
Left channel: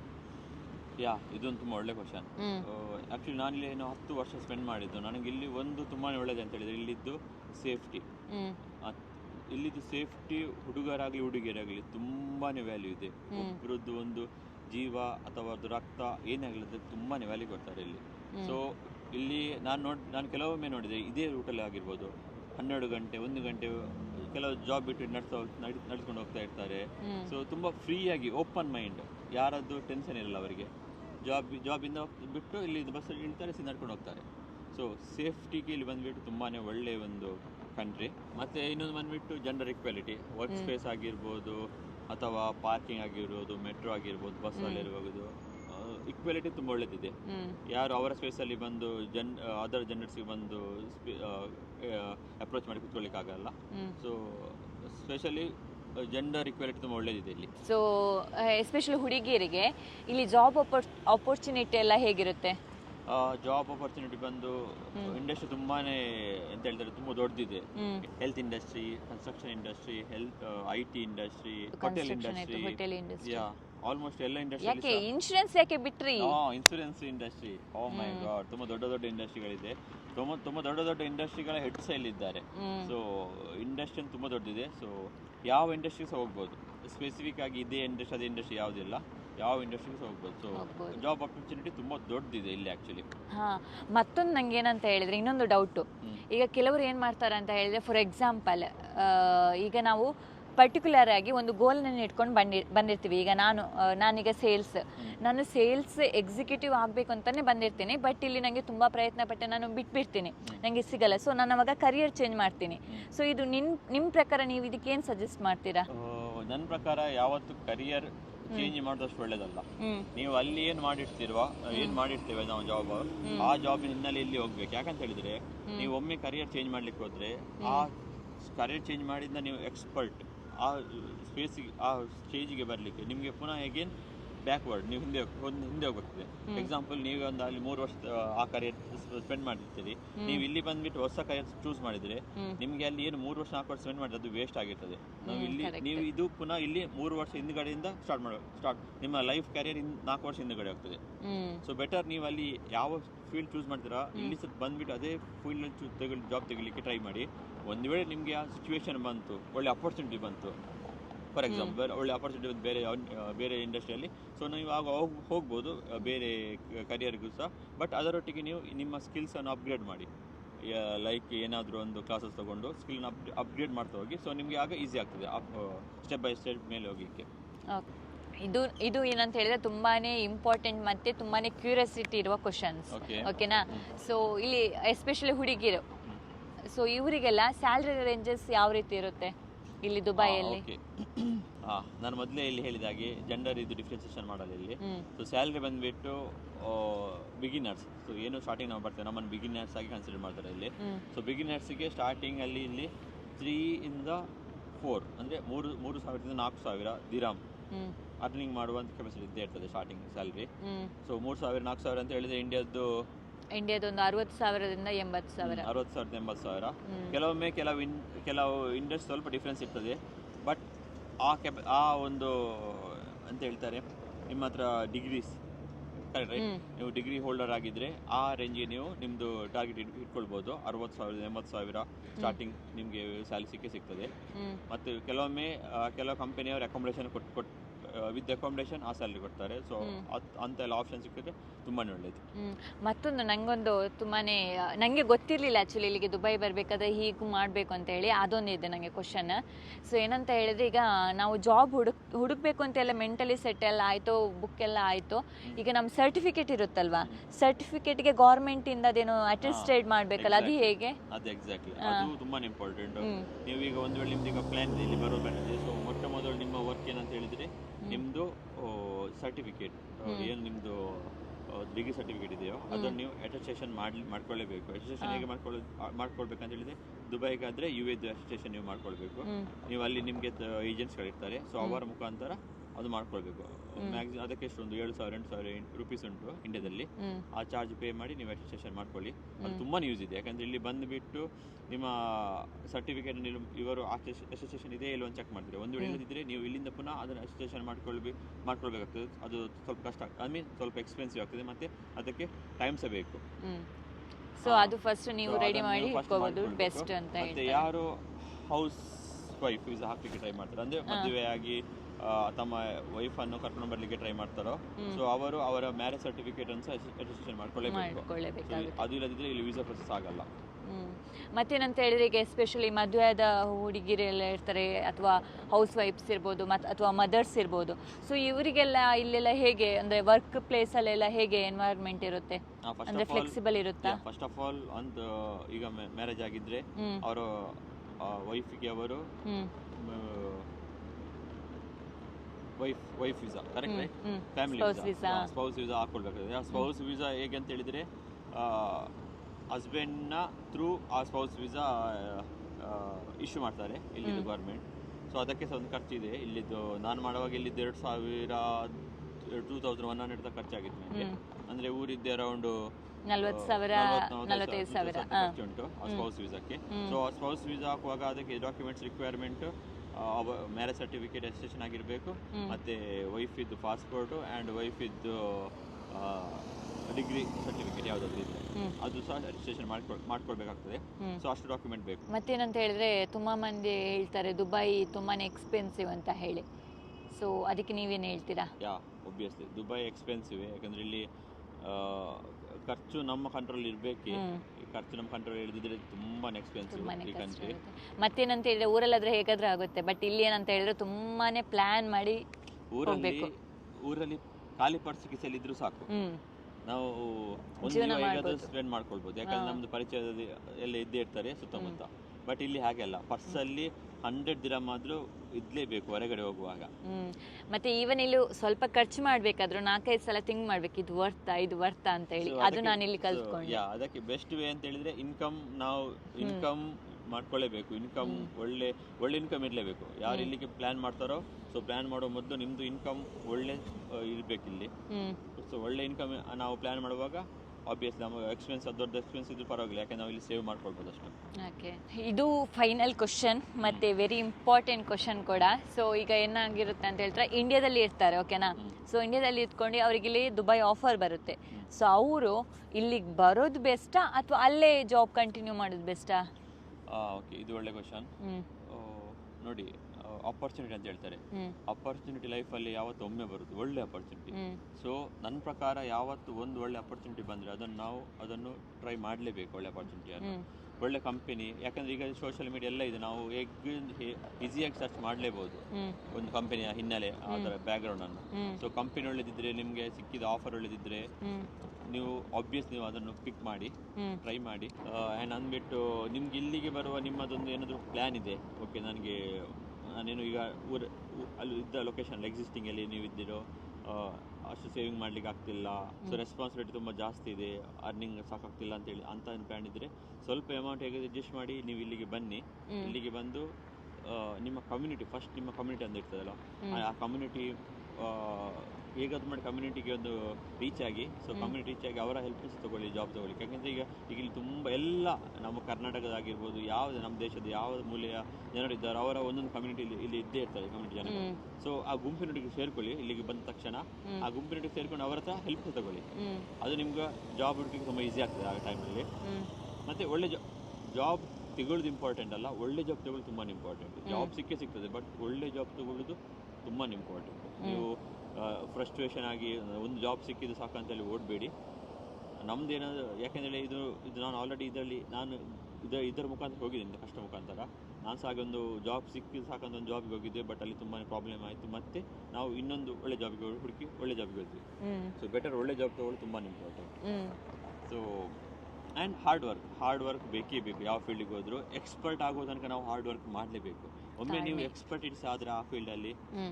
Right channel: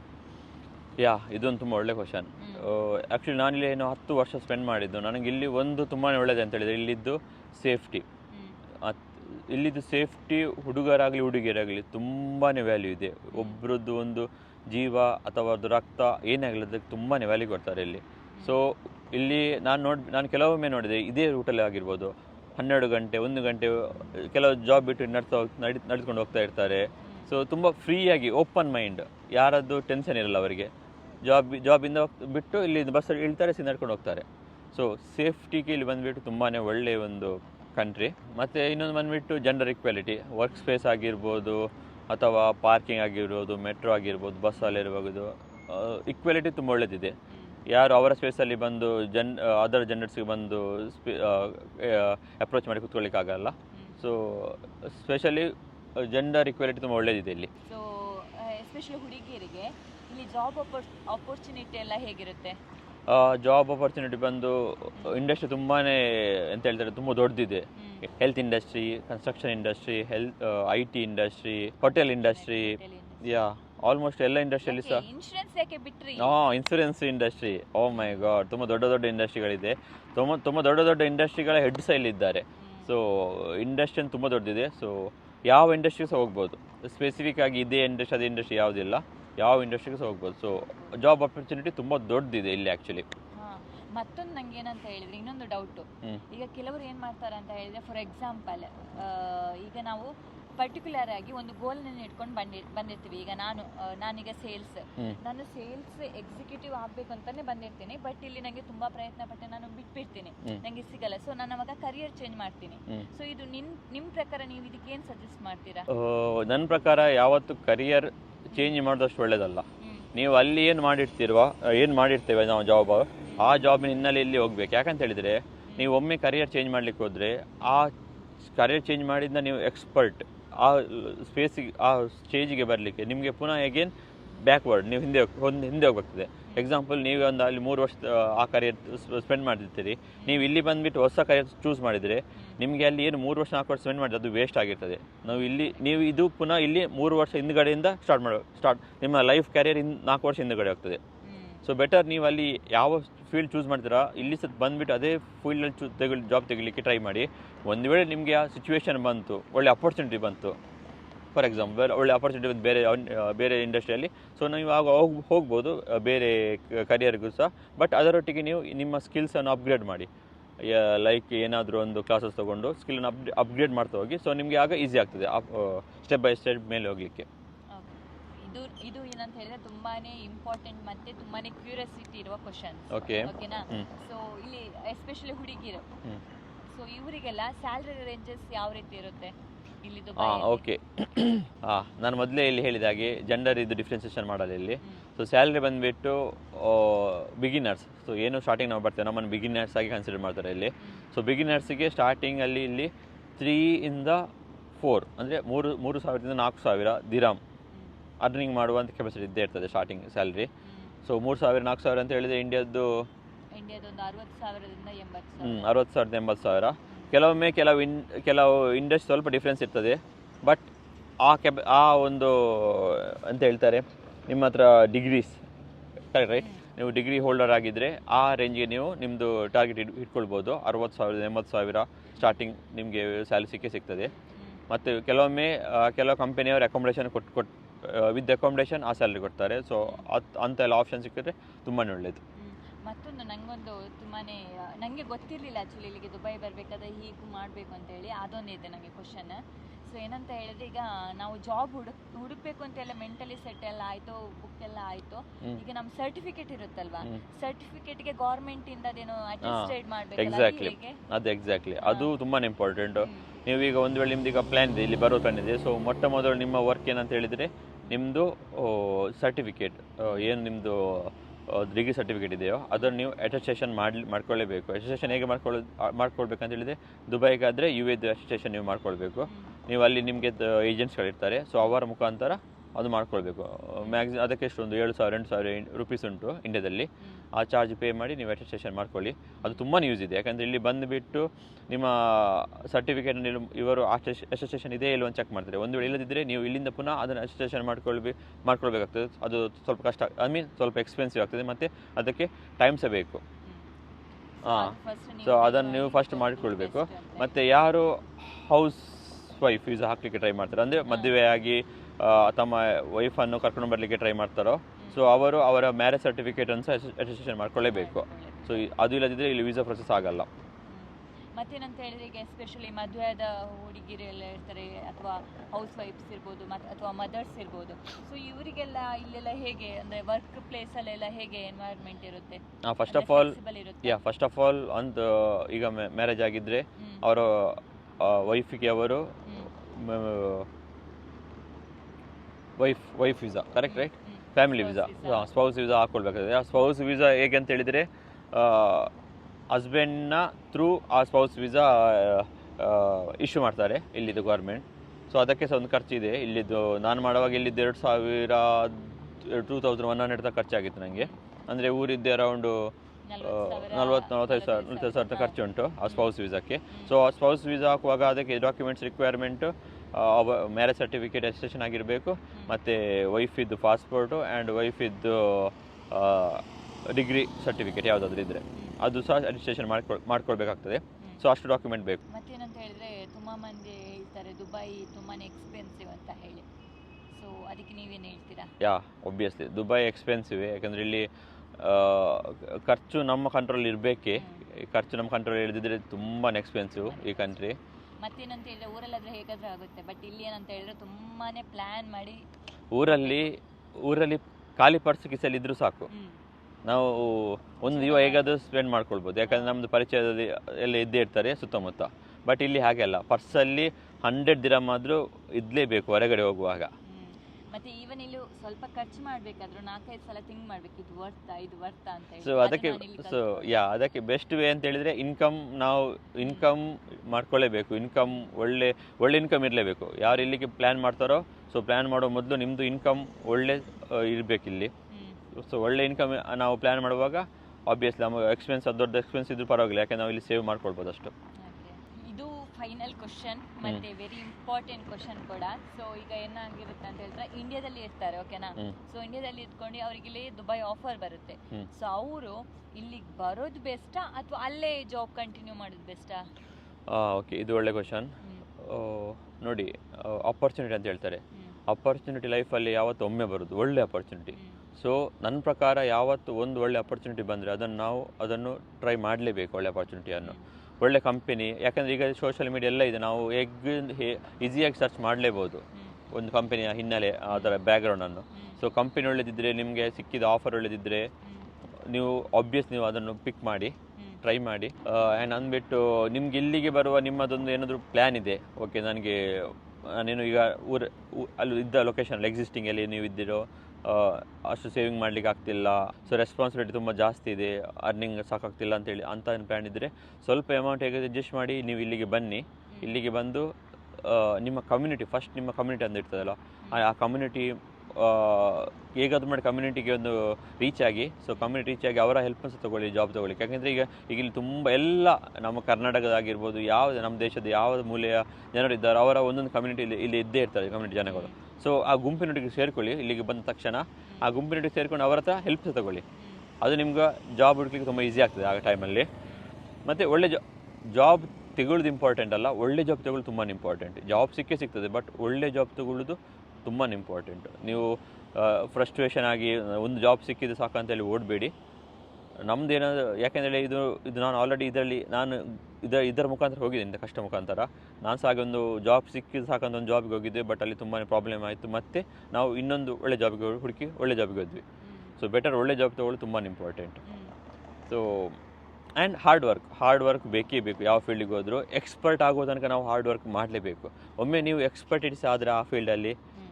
ಯಾ ಇದೊಂದು ತುಂಬ ಒಳ್ಳೆ ಕ್ವಶನ್ ಆಕ್ಚುಲಿ ನಾನು ಇಲ್ಲಿ ಏನು ಹತ್ತು ವರ್ಷ ಸ್ಪೆಂಡ್ ಮಾಡಿದ್ದು. ನನಗೆ ಇಲ್ಲಿ ಒಂದು ತುಂಬಾ ಒಳ್ಳೇದು ಅಂತ ಹೇಳಿದ್ರೆ ಇಲ್ಲಿದ್ದು ಸೇಫ್ಟಿ ಇಲ್ಲಿದ್ದು ಸೇಫ್ಟಿ ಹುಡುಗರಾಗಲಿ ಹುಡುಗಿಯರಾಗಲಿ ತುಂಬಾ ವ್ಯಾಲ್ಯೂ ಇದೆ. ಒಬ್ರದ್ದು ಒಂದು ಜೀವ ಅಥವಾ ಅದು ರಕ್ತ ಏನೇ ಆಗಲಿ ಅದಕ್ಕೆ ತುಂಬಾ ವ್ಯಾಲ್ಯೂ ಕೊಡ್ತಾರೆ ಇಲ್ಲಿ. ಸೊ ಇಲ್ಲಿ ನಾನು ನೋಡ್ ನಾನು ಕೆಲವೊಮ್ಮೆ ನೋಡಿದೆ ಇದೇ ರೂಟಲ್ಲಿ ಆಗಿರ್ಬೋದು. ಹನ್ನೆರಡು ಗಂಟೆ ಒಂದು ಗಂಟೆ ಕೆಲವು ಜಾಬ್ ಬಿಟ್ಟು ನಡ್ತಾ ಹೋಗ್- ನಡಿ ನಡೆದುಕೊಂಡು ಹೋಗ್ತಾ ಇರ್ತಾರೆ. ಸೊ ತುಂಬ ಫ್ರೀಯಾಗಿ ಓಪನ್ ಮೈಂಡ್ ಯಾರದ್ದು ಟೆನ್ಷನ್ ಇರಲ್ಲ ಅವರಿಗೆ. ಜಾಬ್ ಜಾಬಿಂದ ಬಿಟ್ಟು ಇಲ್ಲಿ ಬಸ್ ಇಳ್ತಾರೆ ಸಿ ನಡ್ಕೊಂಡು ಹೋಗ್ತಾರೆ. ಸೊ ಸೇಫ್ಟಿಗೆ ಇಲ್ಲಿ ಬಂದ್ಬಿಟ್ಟು ತುಂಬಾ ಒಳ್ಳೆಯ ಒಂದು ಕಂಟ್ರಿ ಮತ್ತು ಇನ್ನೊಂದು ಬಂದ್ಬಿಟ್ಟು ಜೆಂಡರ್ ಇಕ್ವಾಲಿಟಿ ವರ್ಕ್ ಸ್ಪೇಸ್ ಆಗಿರ್ಬೋದು ಅಥವಾ ಪಾರ್ಕಿಂಗ್ ಆಗಿರ್ಬೋದು ಮೆಟ್ರೋ ಆಗಿರ್ಬೋದು ಬಸ್ಸಲ್ಲಿ ಇರಬಹುದು ಇಕ್ವಾಲಿಟಿ ತುಂಬ ಒಳ್ಳೆದಿದೆ. ಯಾರು ಅವರ ಸ್ಪೇಸಲ್ಲಿ ಬಂದು ಜನ್ ಅದರ್ ಜೆಂಡರ್ಸ್ಗೆ ಬಂದು ಅಪ್ರೋಚ್ ಮಾಡಿ ಕೂತ್ಕೊಳ್ಳಿಕ್ಕಾಗಲ್ಲ ಸೊ ಸ್ಪೆಷಲಿ ಜೆಂಡರ್ ಇಕ್ವಾಲಿಟಿ ತುಂಬ ಒಳ್ಳೆದಿದೆ ಇಲ್ಲಿ. ಸೊ ಎಸ್ಪೆಷಲಿ ಹುಡುಗಿಯರಿಗೆ ಇಲ್ಲಿ ಜಾಬ್ ಅಪರ್ಚುನಿಟಿ ಎಲ್ಲ ಹೇಗಿರುತ್ತೆ? ಜಾಬ್ ಅಪರ್ಚುನಿಟಿ ಬಂದು ಇಂಡಸ್ಟ್ರಿ ತುಂಬಾನೇ ಎಂತ ಹೇಳ್ತಾರೆ ತುಂಬಾ ದೊಡ್ಡದಿದೆ. Health industry construction industry health I T industry hotel industry yeah almost ಎಲ್ಲ ಇಂಡಸ್ಟ್ರಿ ಇನ್ಶೂರೆನ್ಸ್ ಯಾಕೆ ಬಿಟ್ರಿ? ಹಾ insurance industry oh my god ತುಂಬಾ ದೊಡ್ಡ ದೊಡ್ಡ ಇಂಡಸ್ಟ್ರಿಗಳಿದೆ ತುಂಬಾ ತುಂಬಾ ದೊಡ್ಡ ದೊಡ್ಡ ಇಂಡಸ್ಟ್ರಿಗಳ ಹೆಡ್ ಇಲ್ಲಿದ್ದಾರೆ. ಸೊ ಇಂಡಸ್ಟ್ರಿ ತುಂಬಾ ದೊಡ್ಡದಿದೆ. ಸೊ ಯಾವ ಇಂಡಸ್ಟ್ರೀಸ್ ಹೋಗ್ಬೋದು. ಸ್ಪೆಸಿಫಿಕ್ ಆಗಿ ಇದೇ ಇಂಡಸ್ಟ್ರಿ ಅದೇ ಇಂಡಸ್ಟ್ರಿ ಯಾವುದಿಲ್ಲ ಯಾವ ಇಂಡಸ್ಟ್ರಿಗೆ ಸಹ ಹೋಗ್ಬೋದು. ಸೊ ಜಾಬ್ ಆಪರ್ಚುನಿಟಿ ತುಂಬಾ ದೊಡ್ಡದಿದೆ ಇಲ್ಲಿ ಆಕ್ಚುಲಿ ಹಾ ಮತ್ತೊಂದು ನಂಗೆ ಏನಂತ ಹೇಳಿದ್ರೆ ಇನ್ನೊಂದು ಡೌಟು ಈಗ ಕೆಲವರು ಏನು ಮಾಡ್ತಾರೆ ಅಂತ ಹೇಳಿದ್ರೆ ಫಾರ್ ಎಕ್ಸಾಂಪಲ್ ಈಗ ನಾವು ಪರ್ಟಿಕ್ಯುಲರ್ ಆಗಿ ಒಂದು ಗೋಲ್ನ ಇಟ್ಕೊಂಡು ಬಂದಿ ಬಂದಿರ್ತೀವಿ. ಈಗ ನಾನು ನಾನೀಗ ಸೇಲ್ಸ್ ನಾನು ಸೇಲ್ಸ್ ಎಕ್ಸಿಕ್ಯೂಟಿವ್ ಆಗಬೇಕು ಅಂತಾನೆ ಬಂದಿರ್ತೀನಿ. ಬಟ್ ಇಲ್ಲಿ ನನಗೆ ತುಂಬಾ ಪ್ರಯತ್ನ ಪಟ್ಟೆ ನಾನು ಬಿಟ್ಬಿಡ್ತೀನಿ. ನಂಗೆ ನನಗೆ ಸಿಗಲ್ಲ. ಸೊ ನಾನು ಅವಾಗ ಕರಿಯರ್ ಚೇಂಜ್ ಮಾಡ್ತೀನಿ. ಸೊ ಇದು ನಿನ್ ನಿಮ್ಮ ಪ್ರಕಾರ ನೀವು ಇದಕ್ಕೆ ಏನು ಸಜೆಸ್ಟ್ ಮಾಡ್ತೀರಾ? ನನ್ನ ಪ್ರಕಾರ ಯಾವತ್ತು ಕರಿಯರ್ ಚೇಂಜ್ ಮಾಡೋದಷ್ಟು ಒಳ್ಳೇದಲ್ಲ. ನೀವು ಅಲ್ಲಿ ಏನು ಮಾಡಿರ್ತೀರುವ ಏನು ಮಾಡಿರ್ತೇವೆ ನಾವು ಜಾಬ್ ಆ ಜಾಬಿನ ಹಿನ್ನೆಲೆಯಲ್ಲಿ ಹೋಗ್ಬೇಕು. ಯಾಕಂತ ಹೇಳಿದ್ರೆ ನೀವು ಒಮ್ಮೆ ಕರಿಯರ್ ಚೇಂಜ್ ಮಾಡ್ಲಿಕ್ಕೆ ಹೋದ್ರೆ ಆ ಕರಿಯರ್ ಚೇಂಜ್ ಮಾಡಿದ ನೀವು ಎಕ್ಸ್ಪರ್ಟ್ ಆ ಸ್ಪೇಸಿಗೆ ಆ ಸ್ಟೇಜಿಗೆ ಬರಲಿಕ್ಕೆ. ನಿಮಗೆ ಪುನಃ ಅಗೇನ್ ಬ್ಯಾಕ್ವರ್ಡ್ ನೀವು ಹಿಂದೆ ಹಿಂದೆ ಹೋಗ್ಬೇಕಾಗ್ತದೆ. ಎಕ್ಸಾಂಪಲ್ ನೀವೇ ಒಂದು ಅಲ್ಲಿ ಮೂರು ವರ್ಷ ಆ ಕರಿಯರ್ ಸ್ಪೆಂಡ್ ಮಾಡಿರ್ತೀರಿ ನೀವು ಇಲ್ಲಿ ಬಂದ್ಬಿಟ್ಟು ಹೊಸ ಕರಿಯರ್ ಚೂಸ್ ಮಾಡಿದ್ರೆ. ನಿಮಗೆ ಅಲ್ಲಿ ಏನು ಮೂರು ವರ್ಷ ನಾಲ್ಕು ವರ್ಷ ಸ್ಪೆಂಡ್ ಮಾಡಿದ್ರೆ ಅದು ವೇಸ್ಟ್ ಆಗಿರ್ತದೆ. ನಾವು ಇಲ್ಲಿ ನೀವು ಇದು ಪುನಃ ಇಲ್ಲಿ ಮೂರು ವರ್ಷ ಹಿಂದ್ಗಡೆಯಿಂದ ಸ್ಟಾರ್ಟ್ ಮಾಡೋ ಸ್ಟಾರ್ಟ್ ನಿಮ್ಮ ಲೈಫ್ ಕ್ಯಾರಿಯರ್ ನಾಲ್ಕು ವರ್ಷ ಹಿಂದ್ಗಡೆ ಹೋಗ್ತದೆ. ಸೊ ಬೆಟರ್ ನೀವು ಅಲ್ಲಿ ಯಾವ ಫೀಲ್ಡ್ ಚೂಸ್ ಮಾಡ್ತೀರಾ ಇಲ್ಲಿ ಸತ್ ಬಂದ್ಬಿಟ್ಟು ಅದೇ ಫೀಲ್ಡ್ ಅಲ್ಲಿ ತೆಗಿ ಜಾಬ್ ತೆಗಿಲಿಕ್ಕೆ ಟ್ರೈ ಮಾಡಿ. ಒಂದು ವೇಳೆ ನಿಮಗೆ ಆ ಸಿಚುವೇಶನ್ ಬಂತು ಒಳ್ಳೆ ಅಪರ್ಚುನಿಟಿ ಬಂತು ಫಾರ್ ಎಕ್ಸಾಂಪಲ್ ಒಳ್ಳೆ ಅಪರ್ಚುನಿಟಿ ವಿತ್ ಬೇರೆ ಬೇರೆ ಇಂಡಸ್ಟ್ರಿಯಲ್ಲಿ ಸೊ ನೀವು ಆಗ ಹೋಗಿ ಹೋಗ್ಬೋದು ಆ, ಬೇರೆ ಕರಿಯರ್ಗೂ ಸಹ. ಬಟ್ ಅದರೊಟ್ಟಿಗೆ ನೀವು ನಿಮ್ಮ ಸ್ಕಿಲ್ಸನ್ನು ಅಪ್ಗ್ರೇಡ್ ಮಾಡಿ. ಲೈಕ್ ಏನಾದರೂ ಒಂದು ಕ್ಲಾಸಸ್ ತೊಗೊಂಡು ಸ್ಕಿಲ್ ಅಪ್ ಅಪ್ಗ್ರೇಡ್ ಮಾಡ್ತಾ ಹೋಗಿ. ಸೊ ನಿಮಗೆ ಆಗ ಈಸಿ ಆಗ್ತದೆ ಸ್ಟೆಪ್ ಬೈ ಸ್ಟೆಪ್ ಮೇಲೆ ಹೋಗಲಿಕ್ಕೆ. ಇದು ಇದು ಏನಂತ ಹೇಳಿದ್ರೆ ತುಂಬಾನೇ ಇಂಪಾರ್ಟೆಂಟ್ ಮತ್ತೆ ತುಂಬಾನೇ ಕ್ಯೂರಿಯಾಸಿಟಿ ಇರುವ ಕ್ವಶನ್ಸ್. ಓಕೆನಾ. ಸೊ ಇಲ್ಲಿ ಎಸ್ಪೆಷಲಿ ಹುಡುಗಿರು. ಸೊ ಇವರಿಗೆಲ್ಲ ಸ್ಯಾಲ್ರಿ ರೇಂಜಸ್ ಯಾವ ರೀತಿ ಇರುತ್ತೆ? ಇಲ್ಲಿ ದುಬೈ ಓಕೆ. ಹಾ ನಾನು ಮೊದಲೇ ಇಲ್ಲಿ ಹೇಳಿದ ಹಾಗೆ ಜೆಂಡರ್ ಇದು ಡಿಫ್ರೆನ್ಸಿಯೇಷನ್ ಮಾಡಲ್ಲ ಇಲ್ಲಿ. ಸೊ ಸ್ಯಾಲ್ರಿ ಬಂದ್ಬಿಟ್ಟು ಬಿಗಿನರ್ಸ್ ಸೊ ಏನು ಸ್ಟಾರ್ಟಿಂಗ್ ನಾವು ಬರ್ತೇವೆ ನಮ್ಮನ್ನು ಬಿಗಿನರ್ಸ್ ಆಗಿ ಕನ್ಸಿಡರ್ ಮಾಡ್ತಾರೆ ಇಲ್ಲಿ. ಸೊ ಬಿಗಿನರ್ಸ್ಗೆ ಸ್ಟಾರ್ಟಿಂಗ್ ಅಲ್ಲಿ ಇಲ್ಲಿ ತ್ರೀ ಇಂದ ಫೋರ್ ಅಂದರೆ ಮೂರು ಮೂರು ಸಾವಿರದಿಂದ ನಾಲ್ಕು ಸಾವಿರ ದಿರಾಮ್ ಅರ್ನಿಂಗ್ ಮಾಡುವಂತ ಕೆಪಾಸಿಟಿ ಇದ್ದೇ ಇರ್ತದೆ ಸ್ಟಾರ್ಟಿಂಗ್ ಸ್ಯಾಲ್ರಿ ಸೊ ಮೂರು ಸಾವಿರ ನಾಲ್ಕು ಸಾವಿರ ಅಂತ ಹೇಳಿದ್ರೆ ಇಂಡಿಯಾದ್ದು ಇಂಡಿಯಾದೊಂದು ಅರವತ್ತು ಸಾವಿರದಿಂದ ಎಂಬತ್ತು ಸಾವಿರ. ಅರವತ್ತು ಸಾವಿರದ ಎಂಬತ್ತು ಸಾವಿರ. ಕೆಲವೊಮ್ಮೆ ಕೆಲವು ಇನ್ ಕೆಲವು ಇಂಡಸ್ಟ್ರಿ ಸ್ವಲ್ಪ ಡಿಫ್ರೆನ್ಸ್ ಇರ್ತದೆ. ಬಟ್ ಆ ಕೆಪ ಆ ಒಂದು ಅಂತ ಹೇಳ್ತಾರೆ ನಿಮ್ಮ ಹತ್ರ ಡಿಗ್ರೀಸ್ ಕರೆಕ್ಟ್ ರೈಟ್ ನೀವು ಡಿಗ್ರಿ ಹೋಲ್ಡರ್ ಆಗಿದ್ರೆ ಆ ರೇಂಜ್ಗೆ ನೀವು ನಿಮ್ಮದು ಟಾರ್ಗೆಟ್ ಇಟ್ ಇಟ್ಕೊಳ್ಬೋದು. ಅರವತ್ತು ಸಾವಿರದ ಎಂಬತ್ತು ಸಾವಿರ ಸ್ಟಾರ್ಟಿಂಗ್ ನಿಮಗೆ ಸ್ಯಾಲರಿ ಸಿಕ್ಕೇ ಸಿಗ್ತದೆ. ಮತ್ತು ಕೆಲವೊಮ್ಮೆ ಕೆಲವು ಕಂಪನಿಯವರು ಅಕಾಮಿಡೇಷನ್ ಕೊಟ್ಟು ಕೊಟ್ಟು ವಿತ್ ಅಕಾಮಿಡೇಷನ್ ಆ ಸ್ಯಾಲ್ರಿ ಕೊಡ್ತಾರೆ. ಸೊ ಅಂತ ಎಲ್ಲ ಆಪ್ಷನ್ ಸಿಕ್ಕಿದ್ರೆ ತುಂಬಾ ಒಳ್ಳೇದು. ಮತ್ತೊಂದು ನಂಗೊಂದು ತುಂಬಾನೇ ನನಗೆ ಗೊತ್ತಿರಲಿಲ್ಲ ಆಕ್ಚುಲಿ ಇಲ್ಲಿಗೆ ದುಬೈ ಬರಬೇಕಾದ್ರೆ ಹೀಗೆ ಮಾಡಬೇಕು ಅಂತ ಹೇಳಿ. ಅದೊಂದು ಇದೆ ನನಗೆ ಕ್ವಶನ್ ಸೊ ಏನಂತ ಹೇಳಿದ್ರೆ ಈಗ ನಾವು ಜಾಬ್ ಹುಡುಕ್ ಹುಡುಕ್ಬೇಕು ಅಂತ ಎಲ್ಲ ಮೆಂಟಲಿ ಸೆಟ್ ಎಲ್ಲ ಆಯ್ತು ಬುಕ್ ಎಲ್ಲ ಆಯ್ತು. ಈಗ ನಮ್ಮ ಸರ್ಟಿಫಿಕೇಟ್ ಇರುತ್ತಲ್ವಾ? ಸರ್ಟಿಫಿಕೇಟ್ಗೆ ಗೌರ್ಮೆಂಟಿಂದ ಅದೇನು ಅಟೆಸ್ಟೆಡ್ ಮಾಡ್ಬೇಕಲ್ಲ ಅದು. ಹೇಗೆ? ಅದು ಎಕ್ಸಾಕ್ಟ್ಲಿ ಅದು ತುಂಬಾ ಇಂಪಾರ್ಟೆಂಟ್ ನೀವು ಈಗ ಒಂದು ವೇಳೆ ನಿಮ್ದು ಈಗ ಪ್ಲಾನ್ ಇದೆ ಇಲ್ಲಿ ಬರೋ ಪ್ಲಾನ್ ಇದೆ. ಸೊ ಮೊಟ್ಟ ಮೊದಲು ನಿಮ್ಮ ವರ್ಕ್ ಏನಂತ ಹೇಳಿದ್ರೆ ನಿಮ್ಮದು ಸರ್ಟಿಫಿಕೇಟ್ ಏನು ನಿಮ್ಮದು ಡಿಗ್ರಿ ಸರ್ಟಿಫಿಕೇಟ್ ಇದೆಯೋ ಅದನ್ನು ನೀವು ಅಟೆಸ್ಟೇಷನ್ ಮಾಡಿ ಮಾಡ್ಕೊಳ್ಳೇಬೇಕು. ಅಟೆಸ್ಟೇಷನ್ ಹೇಗೆ ಮಾಡ್ಕೊಳ್ಳೋ ಮಾಡ್ಕೊಳ್ಬೇಕಂತ ಹೇಳಿದ್ರೆ ದುಬೈಗಾದ್ರೆ ಯು ಎದು ಅಟೆಸ್ಟೇಷನ್ ನೀವು ಮಾಡ್ಕೊಳ್ಬೇಕು. ನೀವು ಅಲ್ಲಿ ನಿಮಗೆ ಏಜೆಂಟ್ಸ್ಗಳಿರ್ತಾರೆ ಸೊ ಅವರ ಮುಖಾಂತರ ಅದು ಮಾಡ್ಕೊಳ್ಬೇಕು. ಮ್ಯಾಕ್ಸಿಮ್ ಅದಕ್ಕೆ ಎಷ್ಟೊಂದು ಒಂದು ಏಳು ಸಾವಿರ ಎಂಟು ಸಾವಿರ ರುಪೀಸ್ ಉಂಟು ಇಂಡಿಯಾದಲ್ಲಿ. ಆ ಚಾರ್ಜ್ ಪೇ ಮಾಡಿ ನೀವು ಅಟೆಸ್ಟೇಷನ್ ಮಾಡ್ಕೊಳ್ಳಿ. ಅದು ತುಂಬಾ ಯೂಸ್ ಇದೆ. ಯಾಕಂದ್ರೆ ಇಲ್ಲಿ ಬಂದುಬಿಟ್ಟು ನಿಮ್ಮ ಸರ್ಟಿಫಿಕೇಟ್ ಇವರು ಅಸೋಸಿಯೇಷನ್ ಇದೆ ಇಲ್ವ ಚೆಕ್ ಮಾಡ್ತಾರೆ. ಒಂದು ವೇಳೆ ಇಲ್ಲದಿದ್ದರೆ ನೀವು ಇಲ್ಲಿಂದ ಪುನಃ ಅದನ್ನು ಅಟೆಸ್ಟೇಷನ್ ಮಾಡ್ಕೊಳ್ಬಿ ಮಾಡ್ಕೊಳ್ಬೇಕಾಗ್ತದೆ. ಅದು ಸ್ವಲ್ಪ ಕಷ್ಟ ಐ ಮೀನ್ ಸ್ವಲ್ಪ ಎಕ್ಸ್ಪೆನ್ಸಿವ್ ಆಗ್ತದೆ. ಮತ್ತೆ ಅದಕ್ಕೆ ಟೈಮ್ ಸಹ ಬೇಕು. ಹ್ಮ್. ಸೊ ಹಾ. ಅದು ಫಸ್ಟ್ ನೀವು ಸೊ ಅದನ್ನು ನೀವು ಫಸ್ಟ್ ಮಾಡಿಕೊಳ್ಬೇಕು. ಮತ್ತೆ ಯಾರು ಹೌಸ್ ವೈಫ್ ವೀಸಾ ಹಾಕ್ಲಿಕ್ಕೆ ಟ್ರೈ ಮಾಡ್ತಾರೆ. ಅಂದ್ರೆ ಮದುವೆ ಆಗಿ ಆ, ತಮ್ಮ ವೈಫ್ ಅನ್ನು ಕರ್ಕೊಂಡು ಬರ್ಲಿಕ್ಕೆ ಟ್ರೈ ಮಾಡ್ತಾರೋ. ಸೊ ಅವರು ಅವರ ಮ್ಯಾರೇಜ್ ಸರ್ಟಿಫಿಕೇಟ್ ಅನ್ನು ಅಸೋಸಿಯೇಷನ್ ಮಾಡ್ಕೊಳ್ಳೇಬೇಕು. ಸೊ ಅದು ಇಲ್ಲದಿದ್ರೆ ಇಲ್ಲಿ ವೀಸಾ ಪ್ರೊಸೆಸ್ ಆಗಲ್ಲ. ಮತ್ತೇನಂತ ಹೇಳಿದ್ರೆ ಈಗ ಎಸ್ಪೆಷಲಿ ಮದುವೆಯಾದ ಹುಡುಗಿರೆಲ್ಲ ಇರ್ತಾರೆ ಅಥವಾ ಹೌಸ್ ವೈಫ್ಸ್ ಇರ್ಬೋದು ಮತ್ತು ಅಥವಾ ಮದರ್ಸ್ ಇರ್ಬೋದು. ಸೊ ಇವರಿಗೆಲ್ಲ ಇಲ್ಲೆಲ್ಲ ಹೇಗೆ ಅಂದ್ರೆ ವರ್ಕ್ ಪ್ಲೇಸ್ ಅಲ್ಲೆಲ್ಲ ಹೇಗೆ ಎನ್ವೈರ್ಮೆಂಟ್ ಇರುತ್ತೆ? First of all first of all ಅಂತ ಈಗ ಮ್ಯಾರೇಜ್ ಆಗಿದ್ರೆ ಅವರ ವೈಫಿಗೆ ಅವರು wife wife visa correct right family visa. Spouse visa ಹಾಕೊಳ್ಬೇಕಾದ್ರೆ ಆ ಸ್ಪೌಸ್ ವೀಸಾ ಹೇಗೆ ಅಂತ ಹೇಳಿದ್ರೆ ಹಸ್ಬೆಂಡ್ನ ಥ್ರೂ ಆ ಸ್ಪೌಸ್ ವೀಸಾ ಇಶ್ಯೂ ಮಾಡ್ತಾರೆ ಇಲ್ಲಿದ್ದು ಗೌರ್ಮೆಂಟ್ ಸೊ ಅದಕ್ಕೆ ಸಹ ಒಂದು ಖರ್ಚಿದೆ. ಇಲ್ಲಿದ್ದು ನಾನು ಮಾಡುವಾಗ ಇಲ್ಲಿದ್ದು ಎರಡು ಸಾವಿರ ಟೂ ತೌಸಂಡ್ ಒನ್ ಹಂಡ್ರೆಡ್ ತನಕ ಖರ್ಚಾಗಿತ್ತು ನನಗೆ. ಅಂದರೆ ಊರಿದ್ದು ಅರೌಂಡ್ ನಲ್ವತ್ತು ಸಾವಿರ ಖರ್ಚು ಉಂಟು ಸ್ಪೌಸ್ ವೀಸಾಕ್ಕೆ ಸೊ ಸ್ಪೌಸ್ ವೀಸಾ ಹಾಕುವಾಗ ಅದಕ್ಕೆ documents requirement marriage certificate registration ಆಗಿರಬೇಕು ಮತ್ತೆ ವೈಫ್ ಇದ್ದು ಪಾಸ್ಪೋರ್ಟು ಆ್ಯಂಡ್ ವೈಫ್ ಇದ್ದು ಡಿಗ್ರಿ ಸರ್ಟಿಫಿಕೇಟ್ ಯಾವ್ದಾದ್ರು ಇದ್ರೆ. ಅದು ಸಹ ರಿಜಿಸ್ಟ್ರೇಷನ್ ಮಾಡ್ಕೊಳ್ ಮಾಡ್ಕೊಳ್ಬೇಕಾಗ್ತದೆ. ಸೊ ಅಷ್ಟು ಡಾಕ್ಯುಮೆಂಟ್ ಬೇಕು. ಮತ್ತೇನಂತ ಹೇಳಿದ್ರೆ ತುಂಬಾ ಮಂದಿ ಹೇಳ್ತಾರೆ ದುಬೈ ತುಂಬಾನೇ ಎಕ್ಸ್ಪೆನ್ಸಿವ್ ಅಂತ ಹೇಳಿ. ಸೊ ಅದಕ್ಕೆ ನೀವೇನು ಹೇಳ್ತೀರಾ? ಯಾ ಒಬ್ವಿಯಸ್ಲಿ ದುಬೈ ಎಕ್ಸ್ಪೆನ್ಸಿವ್ ಯಾಕಂದ್ರೆ ಇಲ್ಲಿ ಖರ್ಚು ನಮ್ಮ ಕಂಟ್ರೋಲ್ ಇರಬೇಕೆ. ಖರ್ಚು ನಮ್ಮ ಕಂಟ್ರೋಲ್ ಇಳಿದಿದ್ರೆ ತುಂಬಾ ಎಕ್ಸ್ಪೆನ್ಸಿವ್ ಈ ಕಂಟ್ರಿ. ಮತ್ತೇನಂತ ಹೇಳಿದ್ರೆ ಊರಲ್ಲಾದ್ರೆ ಹೇಗಾದ್ರೂ ಆಗುತ್ತೆ ಬಟ್ ಇಲ್ಲಿ ಏನಂತ ಹೇಳಿದ್ರೆ ತುಂಬಾನೇ ಪ್ಲಾನ್ ಮಾಡಿ ಊರಲ್ಲಿ ಊರಲ್ಲಿ ಖಾಲಿ ಪರ್ಸ್ ಕಿಸಲ್ಲಿ ಇದ್ರೂ ಸಾಕು. ನಾವು ಒಂದು ಜೀವ ದಿವ ಹೇಗಾದ್ರೂ ಸ್ಪೆಂಡ್ ಮಾಡ್ಕೊಳ್ಬೋದು. ಯಾಕಂದ್ರೆ. ನಮ್ದು ಪರಿಚಯದಲ್ಲಿ ಎಲ್ಲ ಇದ್ದೇ ಇರ್ತಾರೆ ಸುತ್ತಮುತ್ತ. ಬಟ್ ಇಲ್ಲಿ ಹಾಗೆ ಅಲ್ಲ. ಪರ್ಸಲ್ಲಿ ಹಂಡ್ರೆಡ್ ದಿರಮ್ ಆದ್ರೂ ಇದ್ಲೇಬೇಕು ಹೊರಗಡೆ ಹೋಗುವಾಗ. ಮತ್ತೆ ಈವನ್ ಇಲ್ಲಿ ಸ್ವಲ್ಪ ಖರ್ಚು ಮಾಡ್ಬೇಕಾದ್ರೂ ನಾಲ್ಕೈದು ಸಲ ತಿಂಗ್ ಮಾಡ್ಬೇಕು ಇದು ವರ್ತ ಇದು ವರ್ತ ಅಂತ ಹೇಳಿ. ಸೊ ಅದು ಅದಕ್ಕೆ ನಾನು ಇಲ್ಲಿ ಸೊ ಕಲ್ತ್ಕೊಂಡೆ. ಯಾ ಅದಕ್ಕೆ ಬೆಸ್ಟ್ ವೇ ಅಂತ ಹೇಳಿದ್ರೆ ಇನ್ಕಮ್ ನಾವು ಇನ್ಕಮ್ ಮಾಡ್ಕೊಳ್ಳೇಬೇಕು. ಇನ್ಕಮ್ ಒಳ್ಳೆ ಒಳ್ಳೆ ಇನ್ಕಮ್ ಇರಲೇಬೇಕು. ಯಾರು ಇಲ್ಲಿಗೆ ಪ್ಲಾನ್ ಮಾಡ್ತಾರೋ ಸೊ ಪ್ಲಾನ್ ಮಾಡೋ ಮೊದಲು ನಿಮ್ದು ಇನ್ಕಮ್ ಒಳ್ಳೆ ಇರಬೇಕು ಇಲ್ಲಿ ಹ್ಮ್. ಸೊ ಒಳ್ಳೆ ಇನ್ಕಮ್ ನಾವು ಪ್ಲಾನ್ ಮಾಡುವಾಗ ಆಬ್ವಿಯಸ್ಲಿ ನಮಗೆ ಎಕ್ಸ್ಪೆನ್ಸ್ ಅದು ದೊಡ್ಡ ಎಕ್ಸ್ಪೆನ್ಸ್ ಇದ್ರೂ ಪರವಾಗಿಲ್ಲ ಯಾಕೆ ನಾವು ಇಲ್ಲಿ ಸೇವ್ ಮಾಡ್ಕೊಳ್ಬೋದು ಅಷ್ಟು. ಓಕೆ ಇದು ಫೈನಲ್ ಕ್ವಶನ್ ಮತ್ತೆ ವೆರಿ ಇಂಪಾರ್ಟೆಂಟ್ ಕ್ವಶನ್ ಕೂಡ. ಸೊ ಈಗ ಏನಾಗಿರುತ್ತೆ ಅಂತ ಹೇಳ್ತಾರೆ ಇಂಡಿಯಾದಲ್ಲಿ ಇರ್ತಾರೆ ಓಕೆನಾ. ಸೊ ಇಂಡಿಯಾದಲ್ಲಿ ಇದ್ಕೊಂಡು ಅವ್ರಿಗೆ ಇಲ್ಲಿ ದುಬೈ ಆಫರ್ ಬರುತ್ತೆ. ಸೊ ಅವರು ಇಲ್ಲಿಗೆ ಬರೋದು ಬೆಸ್ಟಾ ಅಥವಾ ಅಲ್ಲೇ ಜಾಬ್ ಕಂಟಿನ್ಯೂ ಮಾಡೋದು ಬೆಸ್ಟಾ ಓಕೆ ಇದು ಒಳ್ಳೆ ಕ್ವಶನ್ ನೋಡಿ ಅಪರ್ಚುನಿಟಿ ಅಂತ ಹೇಳ್ತಾರೆ. ಅಪರ್ಚುನಿಟಿ ಲೈಫಲ್ಲಿ ಯಾವತ್ತು ಒಮ್ಮೆ ಬರುದು ಒಳ್ಳೆ ಅಪರ್ಚುನಿಟಿ ಸೊ ನನ್ನ ಪ್ರಕಾರ ಯಾವತ್ತು ಒಂದು ಒಳ್ಳೆ ಅಪರ್ಚುನಿಟಿ ಬಂದರೆ ಅದನ್ನು ನಾವು ಅದನ್ನು ಟ್ರೈ ಮಾಡಲೇಬೇಕು ಒಳ್ಳೆ ಅಪರ್ಚುನಿಟಿಯನ್ನು ಅನ್ನು. ಒಳ್ಳೆ ಕಂಪನಿ ಯಾಕಂದ್ರೆ ಈಗ ಸೋಷಿಯಲ್ ಮೀಡಿಯಾ ಎಲ್ಲ ಇದೆ ನಾವು ಎಗ್ ಈಸಿಯಾಗಿ ಸರ್ಚ್ ಮಾಡಲೇಬಹುದು ಒಂದು ಕಂಪನಿಯ ಹಿನ್ನೆಲೆ ಅದರ ಬ್ಯಾಕ್ಗ್ರೌಂಡ್ ಅನ್ನು. ಸೊ ಕಂಪನಿ ಒಳ್ಳೆದಿದ್ರೆ ನಿಮಗೆ ಸಿಕ್ಕಿದ ಆಫರ್ ಒಳ್ಳೆದಿದ್ರೆ ನೀವು ಆಬ್ವಿಯಸ್ ನೀವು ಅದನ್ನು ಪಿಕ್ ಮಾಡಿ ಟ್ರೈ ಮಾಡಿ. ಆ್ಯಂಡ್ ಅಂದ್ಬಿಟ್ಟು ನಿಮ್ಗೆ ಇಲ್ಲಿಗೆ ಬರುವ ನಿಮ್ಮದೊಂದು ಏನಾದರೂ ಪ್ಲ್ಯಾನ್ ಇದೆ? ಓಕೆ ನನಗೆ ನಾನೇನು ಈಗ ಊರ ಅಲ್ಲಿ ಇದ್ದ ಲೊಕೇಶನ್ ಎಕ್ಸಿಸ್ಟಿಂಗ್ ಅಲ್ಲಿ ನೀವು ಇದ್ದೀರೋ ಆ, ಅಷ್ಟು ಸೇವಿಂಗ್ ಮಾಡ್ಲಿಕ್ಕೆ ಆಗ್ತಿಲ್ಲ. ಸೊ ರೆಸ್ಪಾನ್ಸಿಬಿಲಿಟಿ ತುಂಬ ಜಾಸ್ತಿ ಇದೆ. ಅರ್ನಿಂಗ್ ಸಾಕಾಗ್ತಿಲ್ಲ ಅಂತೇಳಿ ಅಂತ ಪ್ಲ್ಯಾನ್ ಇದ್ದರೆ ಸ್ವಲ್ಪ ಅಮೌಂಟ್ ಹೇಗೆ ಅಡ್ಜಸ್ಟ್ ಮಾಡಿ ನೀವು ಇಲ್ಲಿಗೆ ಬನ್ನಿ. ಇಲ್ಲಿಗೆ ಬಂದು ನಿಮ್ಮ ಕಮ್ಯುನಿಟಿ ಫಸ್ಟ್ ನಿಮ್ಮ ಕಮ್ಯುನಿಟಿ ಅಂತ ಇರ್ತದಲ್ಲ ಆ ಕಮ್ಯುನಿಟಿ ಹೇಗಾದ್ರೂ ಮಾಡಿ ಕಮ್ಯುನಿಟಿಗೆ ಒಂದು ರೀಚ್ ಆಗಿ ಸೊ ಕಮ್ಯುನಿಟಿ ರೀಚ್ ಆಗಿ ಅವರ ಹೆಲ್ಪ್ ಸಹ ತಗೊಳ್ಳಿ ಜಾಬ್ ತಗೊಳ್ಳಿ. ಯಾಕಂದ್ರೆ ಈಗ ಈಗ ಇಲ್ಲಿ ತುಂಬ ಎಲ್ಲ ನಮ್ಮ ಕರ್ನಾಟಕದಾಗಿರ್ಬೋದು ಯಾವ ನಮ್ಮ ದೇಶದ ಯಾವ ಮೂಲೆಯ ಜನರು ಇದ್ದಾರೆ ಅವರ ಒಂದೊಂದು ಕಮ್ಯುನಿಟಿ ಇಲ್ಲಿ ಇಲ್ಲಿ ಇದ್ದೇ ಇರ್ತಾರೆ ಕಮ್ಯುನಿಟಿ ಜನಗಳು. ಸೊ ಆ ಗುಂಪಿನೊಟ್ಟಿಗೆ ಸೇರ್ಕೊಳ್ಳಿ ಇಲ್ಲಿಗೆ ಬಂದ ತಕ್ಷಣ. ಆ ಗುಂಪಿನೊಟ್ಟಿಗೆ ಸೇರ್ಕೊಂಡು ಅವರ ಹತ್ರ ಹೆಲ್ಪ್ ಸಹ ತಗೊಳ್ಳಿ. ಅದು ನಿಮ್ಗೆ ಜಾಬ್ ಹುಡುಕ್ಲಿಕ್ಕೆ ತುಂಬ ಈಸಿ ಆಗ್ತದೆ ಆ ಟೈಮಲ್ಲಿ ಅಲ್ಲಿ. ಮತ್ತೆ ಒಳ್ಳೆ ಜಾಬ್ ತೆಗೊಳ್ಳೋದು ಇಂಪಾರ್ಟೆಂಟ್ ಅಲ್ಲ ಒಳ್ಳೆ ಜಾಬ್ ತಗೊಳ್ಳೋದು ತುಂಬಾ ಇಂಪಾರ್ಟೆಂಟ್ ಜಾಬ್ ಸಿಕ್ಕೇ ಸಿಗ್ತದೆ ಬಟ್ ಒಳ್ಳೆ ಜಾಬ್ ತಗೊಳ್ಳೋದು ತುಂಬಾ ಇಂಪಾರ್ಟೆಂಟ್ ನೀವು ಫ್ರಸ್ಟ್ರೇಷನ್ ಆಗಿ ಒಂದು ಜಾಬ್ ಸಿಕ್ಕಿದ್ದು ಸಾಕು ಅಂತ ಹೇಳಿ ಓಡಬೇಡಿ. ನಮ್ದು ಏನಾದ್ರು ಯಾಕೆಂದರೆ ಇದು ಇದು ನಾನು ಆಲ್ರೆಡಿ ಇದರಲ್ಲಿ ನಾನು ಇದರ ಇದರ ಮುಖಾಂತರ ಹೋಗಿದ್ದೀನಿ ಕಷ್ಟ ಮುಖಾಂತರ. ನಾನು ಸಹ ಹಾಗೆ ಒಂದು ಜಾಬ್ ಸಿಕ್ಕಿದ್ದು ಸಾಕಂತ ಒಂದು ಜಾಬ್ಗೆ ಹೋಗಿದ್ದೆ ಬಟ್ ಅಲ್ಲಿ ತುಂಬಾ ಪ್ರಾಬ್ಲಮ್ ಆಯಿತು. ಮತ್ತೆ ನಾವು ಇನ್ನೊಂದು ಒಳ್ಳೆ ಜಾಬ್ಗೆ ಹುಡುಕಿ ಒಳ್ಳೆ ಜಾಬ್ಗೆ ಹೋದ್ವಿ. ಸೊ ಬೆಟರ್ ಒಳ್ಳೆ ಜಾಬ್ ತಗೊಳ್ಳೋದು ತುಂಬಾ important so and hard work hard work ಬೇಕೇ ಬೇಕು ಯಾವ ಫೀಲ್ಡಿಗೆ ಹೋದ್ರು ಎಕ್ಸ್ಪರ್ಟ್ ಆಗೋ ತನಕ ನಾವು ಹಾರ್ಡ್ ವರ್ಕ್ ಮಾಡಲೇಬೇಕು ಒಮ್ಮೆ ನೀವು ಎಕ್ಸ್ಪರ್ಟಿಸ್ ಆದ್ರೆ ಆ ಫೀಲ್ಡಲ್ಲಿ.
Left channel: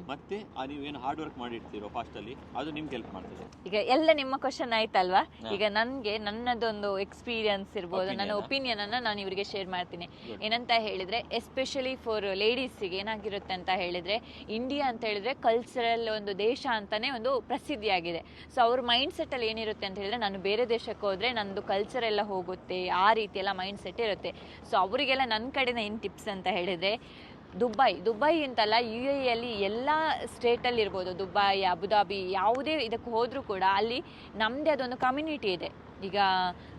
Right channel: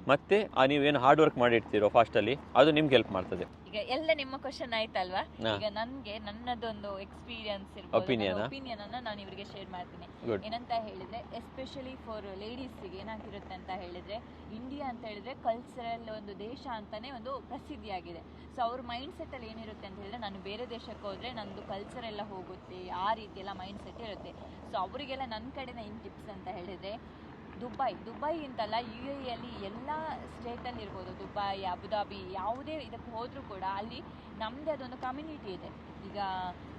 ಮತ್ತೆ ಆ ನೀವೇನು ಹಾರ್ಡ್ ವರ್ಕ್ ಮಾಡಿರ್ತೀರೋ ಫಾಸ್ಟ್ ಅಲ್ಲಿ ಅದು ನಿಮ್ಗೆ ಹೆಲ್ಪ್ ಮಾಡ್ತದೆ ಈಗ ಎಲ್ಲ ನಿಮ್ಮ ಕ್ವಶನ್ ಆಯ್ತಲ್ವಾ. ಈಗ ನನ್ಗೆ ನನ್ನದೊಂದು ಎಕ್ಸ್ಪೀರಿಯನ್ಸ್ ಇರ್ಬೋದು ನನ್ನ? ಒಪಿನಿಯನ್ ಅನ್ನ ನಾನು ಇವರಿಗೆ ಶೇರ್ ಮಾಡ್ತೀನಿ. ಏನಂತ ಹೇಳಿದ್ರೆ ಎಸ್ಪೆಷಲಿ ಫಾರ್ ಲೇಡೀಸ್ಗೆ ಏನಾಗಿರುತ್ತೆ ಅಂತ ಹೇಳಿದ್ರೆ ಇಂಡಿಯಾ ಅಂತ ಹೇಳಿದ್ರೆ ಕಲ್ಚರಲ್ ಒಂದು ದೇಶ ಅಂತಾನೆ ಒಂದು ಪ್ರಸಿದ್ಧಿಯಾಗಿದೆ ಸೊ ಅವ್ರ ಮೈಂಡ್ ಸೆಟ್ ಅಲ್ಲಿ ಏನಿರುತ್ತೆ ಅಂತ ಹೇಳಿದ್ರೆ ನಾನು ಬೇರೆ ದೇಶಕ್ಕೆ ಹೋದ್ರೆ ನಂದು ಕಲ್ಚರ್ ಎಲ್ಲ ಹೋಗುತ್ತೆ ಆ ರೀತಿ ಎಲ್ಲ ಮೈಂಡ್ ಸೆಟ್ ಇರುತ್ತೆ. ಸೊ ಅವರಿಗೆಲ್ಲ ನನ್ನ ಕಡೆನ ಏನು ಟಿಪ್ಸ್ ಅಂತ ಹೇಳಿದ್ರೆ ದುಬೈ ದುಬೈ ಅಂತಲ್ಲ ಯು ಎ ಅಲ್ಲಿ ಎಲ್ಲ ಸ್ಟೇಟಲ್ಲಿ ಇರ್ಬೋದು. ದುಬೈ ಅಬುದಾಬಿ ಯಾವುದೇ ಇದಕ್ಕೆ ಹೋದರೂ ಕೂಡ ಅಲ್ಲಿ ನಮ್ಮದೇ ಅದೊಂದು ಕಮ್ಯುನಿಟಿ ಇದೆ. ಈಗ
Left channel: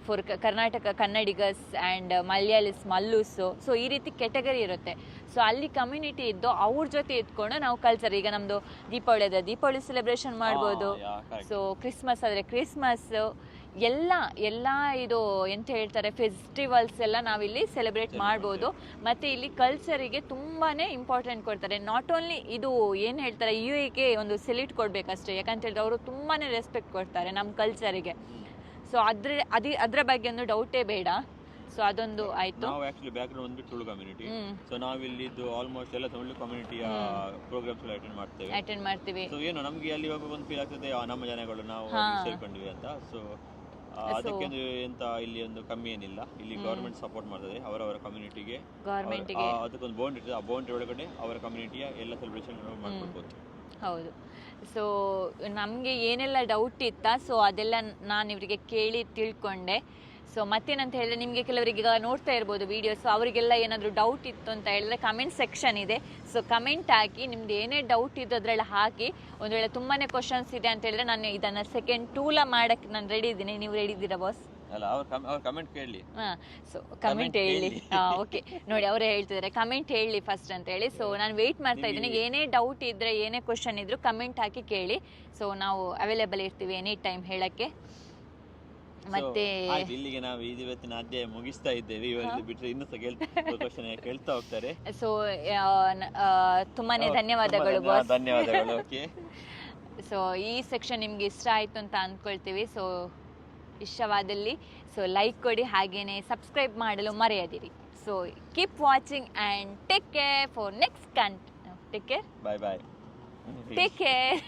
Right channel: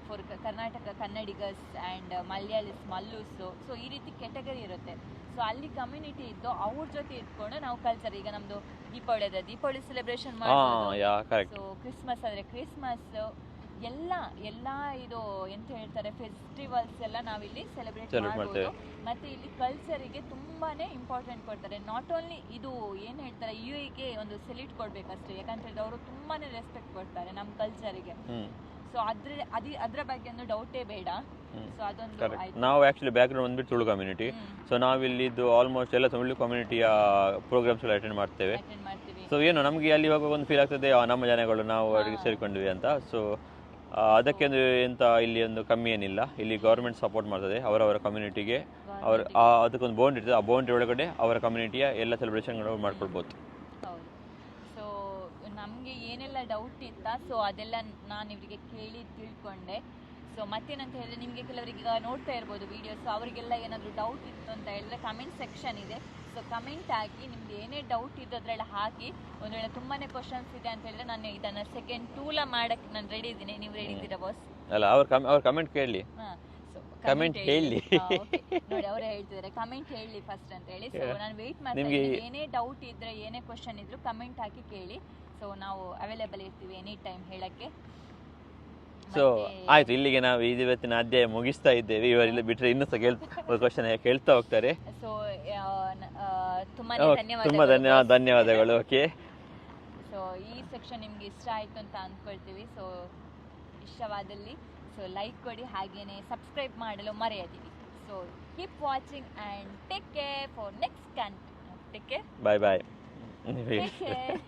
for Karnataka Kannadigas and Malayalis Mallus so ಈ ರೀತಿ ಕೆಟಗರಿ ಇರುತ್ತೆ. ಸೊ ಅಲ್ಲಿ ಕಮ್ಯುನಿಟಿ ಇದ್ದು ಅವ್ರ ಜೊತೆ ಇದ್ಕೊಂಡು ನಾವು ಕಲ್ಚರ್ ಈಗ ನಮ್ದು ದೀಪಾವಳಿ ಅದ ದೀಪಾವಳಿ ಸೆಲೆಬ್ರೇಷನ್ ಮಾಡ್ಬೋದು. ಸೊ ಕ್ರಿಸ್ಮಸ್ ಆದರೆ ಕ್ರಿಸ್ಮಸ್ ಎಲ್ಲ ಎಲ್ಲ ಇದು ಎಂತ ಹೇಳ್ತಾರೆ ಫೆಸ್ಟಿವಲ್ಸ್ ಎಲ್ಲ ನಾವಿಲ್ಲಿ ಸೆಲೆಬ್ರೇಟ್ ಮಾಡ್ಬೋದು. ಮತ್ತೆ ಇಲ್ಲಿ ಕಲ್ಚರಿಗೆ ತುಂಬಾನೇ ಇಂಪಾರ್ಟೆಂಟ್ ಕೊಡ್ತಾರೆ. ನಾಟ್ ಓನ್ಲಿ ಇದು ಏನು ಹೇಳ್ತಾರೆ ಯು ಗೆ ಒಂದು ಸೆಲ್ಯೂಟ್ ಕೊಡ್ಬೇಕಷ್ಟೇ. ಯಾಕಂತ ಹೇಳಿದ್ರೆ ಅವರು ತುಂಬಾನೇ ರೆಸ್ಪೆಕ್ಟ್ ಕೊಡ್ತಾರೆ ನಮ್ಮ ಕಲ್ಚರಿಗೆ ಸೊ ಅದ್ರ ಅದೇ ಅದ್ರ ಬಗ್ಗೆ ಒಂದು ಡೌಟೇ ಬೇಡ. ಸೊ ಅದೊಂದು ಆಯ್ತು. ನಾವು ಆಕ್ಚುಲಿ ಬ್ಯಾಕ್ ಗ್ರೌಂಡ್ ಬಂದ್ಬಿಟ್ಟು ತುಳು ಕಮ್ಯುನಿಟಿ ಸೊ ನಾವಿಲ್ಲಿ ಇದು ಆಲ್ಮೋಸ್ಟ್ ಎಲ್ಲ ತುಳು ಕಮ್ಯುನಿಟಿಯ ಪ್ರೋಗ್ರಾಮ್ಸ್ ಎಲ್ಲ ಅಟೆಂಡ್ ಮಾಡ್ತೇವೆ. ಅಟೆಂಡ್ ಮಾಡ್ತೀವಿ. ಸೊ ಏನು ನಮ್ಗೆ ಅಲ್ಲಿ ಇವಾಗ ಒಂದು ಫೀಲ್ ಆಗ್ತದೆ ನಮ್ಮ ಜನಗಳು ನಾವು ಸೇರ್ಕೊಂಡ್ವಿ ಅಂತ. ಸೊ ಅದಕ್ಕೆ ಎಂತ ಇಲ್ಲಿ ಒಂದು ಕಮ್ಮಿ ಏನಿಲ್ಲ. ಇಲ್ಲಿ ಗೌರ್ಮೆಂಟ್ ಸಪೋರ್ಟ್ ಮಾಡ್ತದೆ. ಅವರವರ ಕಮ್ಯುನಿಟಿಗೆ ಅವರ ಅದಕ್ಕೊಂದು ಬೌಂಡ್ ಇರ್ತದೆ. ಆ ಬೌಂಡ್ರಿ ಒಳಗಡೆ ಅವರ ಕಮ್ಯುನಿಟಿಯ ಎಲ್ಲ ಸೆಲೆಬ್ರೇಷನ್ಗಳು ಮಾಡ್ಕೊಳ್ಬೋದು ಹೌದು. ಸೊ ನಮಗೆ ಏನೆಲ್ಲ ಡೌಟ್ ಇತ್ತಾ? ಸೊ ಅದೆಲ್ಲ ನಾನು ಇವರಿಗೆ ಕೇಳಿ ತಿಳ್ಕೊಂಡೆ. ಸೊ ಮತ್ತೇನಂತ ಹೇಳಿದ್ರೆ ನಿಮಗೆ ಕೆಲವರಿಗೆ ಈಗ ನೋಡ್ತಾ ಇರ್ಬೋದು ವಿಡಿಯೋಸ್ ಅವರಿಗೆಲ್ಲ ಏನಾದರೂ ಡೌಟ್ ಇತ್ತು ಅಂತ ಹೇಳಿದ್ರೆ ಕಮೆಂಟ್ ಸೆಕ್ಷನ್ ಇದೆ. ಸೊ ಕಮೆಂಟ್ ಹಾಕಿ ನಿಮ್ದು ಏನೇ ಡೌಟ್ ಇದ್ದು ಅದರಲ್ಲಿ ಹಾಕಿ ಒಂದು ವೇಳೆ ತುಂಬಾ ಕ್ವಶನ್ಸ್ ಇದೆ ಅಂತ ಹೇಳಿದ್ರೆ ನಾನು ಇದನ್ನು ಸೆಕೆಂಡ್ ಟೂಲ ಮಾಡೋಕ್ಕೆ ನಾನು ರೆಡಿ ಇದ್ದೀನಿ. ನೀವು ರೆಡಿ ಇದ್ದೀರಾ ಬಾಸ್ ಅಲ್ಲ ಅವ್ರ ಅವ್ರ ಕಮೆಂಟ್ ಸೊ ಕಮೆಂಟ್ ಹೇಳಿ. ಓಕೆ ನೋಡಿ ಅವರೇ ಹೇಳ್ತಿದ್ದಾರೆ ಕಮೆಂಟ್ ಹೇಳಿ ಫಸ್ಟ್ ಅಂತ ಹೇಳಿ. ಸೊ. ನಾನು ವೆಯ್ಟ್ ಮಾಡ್ತಾ ಇದ್ದೀನಿ. ಏನೇ ಡೌಟ್ ಇದ್ರೆ ಏನೇ ಕ್ವಶನ್ ಇದ್ರು ಕಮೆಂಟ್ ಹಾಕಿ ಕೇಳಿ. ಸೊ ನಾವು ಅವೈಲೇಬಲ್ ಇರ್ತೀವಿ ಎನಿ ಟೈಮ್ ಹೇಳಕ್ಕೆ. ಸೊ ಆಯ್ತು ಇಲ್ಲಿಗೆ ನಾವು ಇವತ್ತಿನ ಅಧ್ಯಾಯ ಮುಗಿಸ್ತಾ ಇದ್ದೇವೆ. ಇವರಿಂದ ಬಿಟ್ರೆ ಇನ್ನೂ ಸಹ ಕ್ವಶನ್ ಕೇಳ್ತಾ ಹೋಗ್ತಾರೆ. ಸೊ ತುಂಬಾನೇ ಧನ್ಯವಾದ ಧನ್ಯವಾದಗಳು ಓಕೆ. ಸೊ ಈ ಸೆಕ್ಷನ್ ನಿಮ್ಗೆ ಇಷ್ಟ ಆಯ್ತು ಅಂತ ಅನ್ಕೊಳ್ತೀವಿ. ಸೊ ಇಷ್ಟವಾದಲ್ಲಿ ಸೊ ಲೈಕ್ ಕೊಡಿ ಹಾಗೇನೆ ಸಬ್ಸ್ಕ್ರೈಬ್ ಮಾಡಲು ಮರೆಯದಿರಿ. So keep watching and take care for next content take care bye bye take care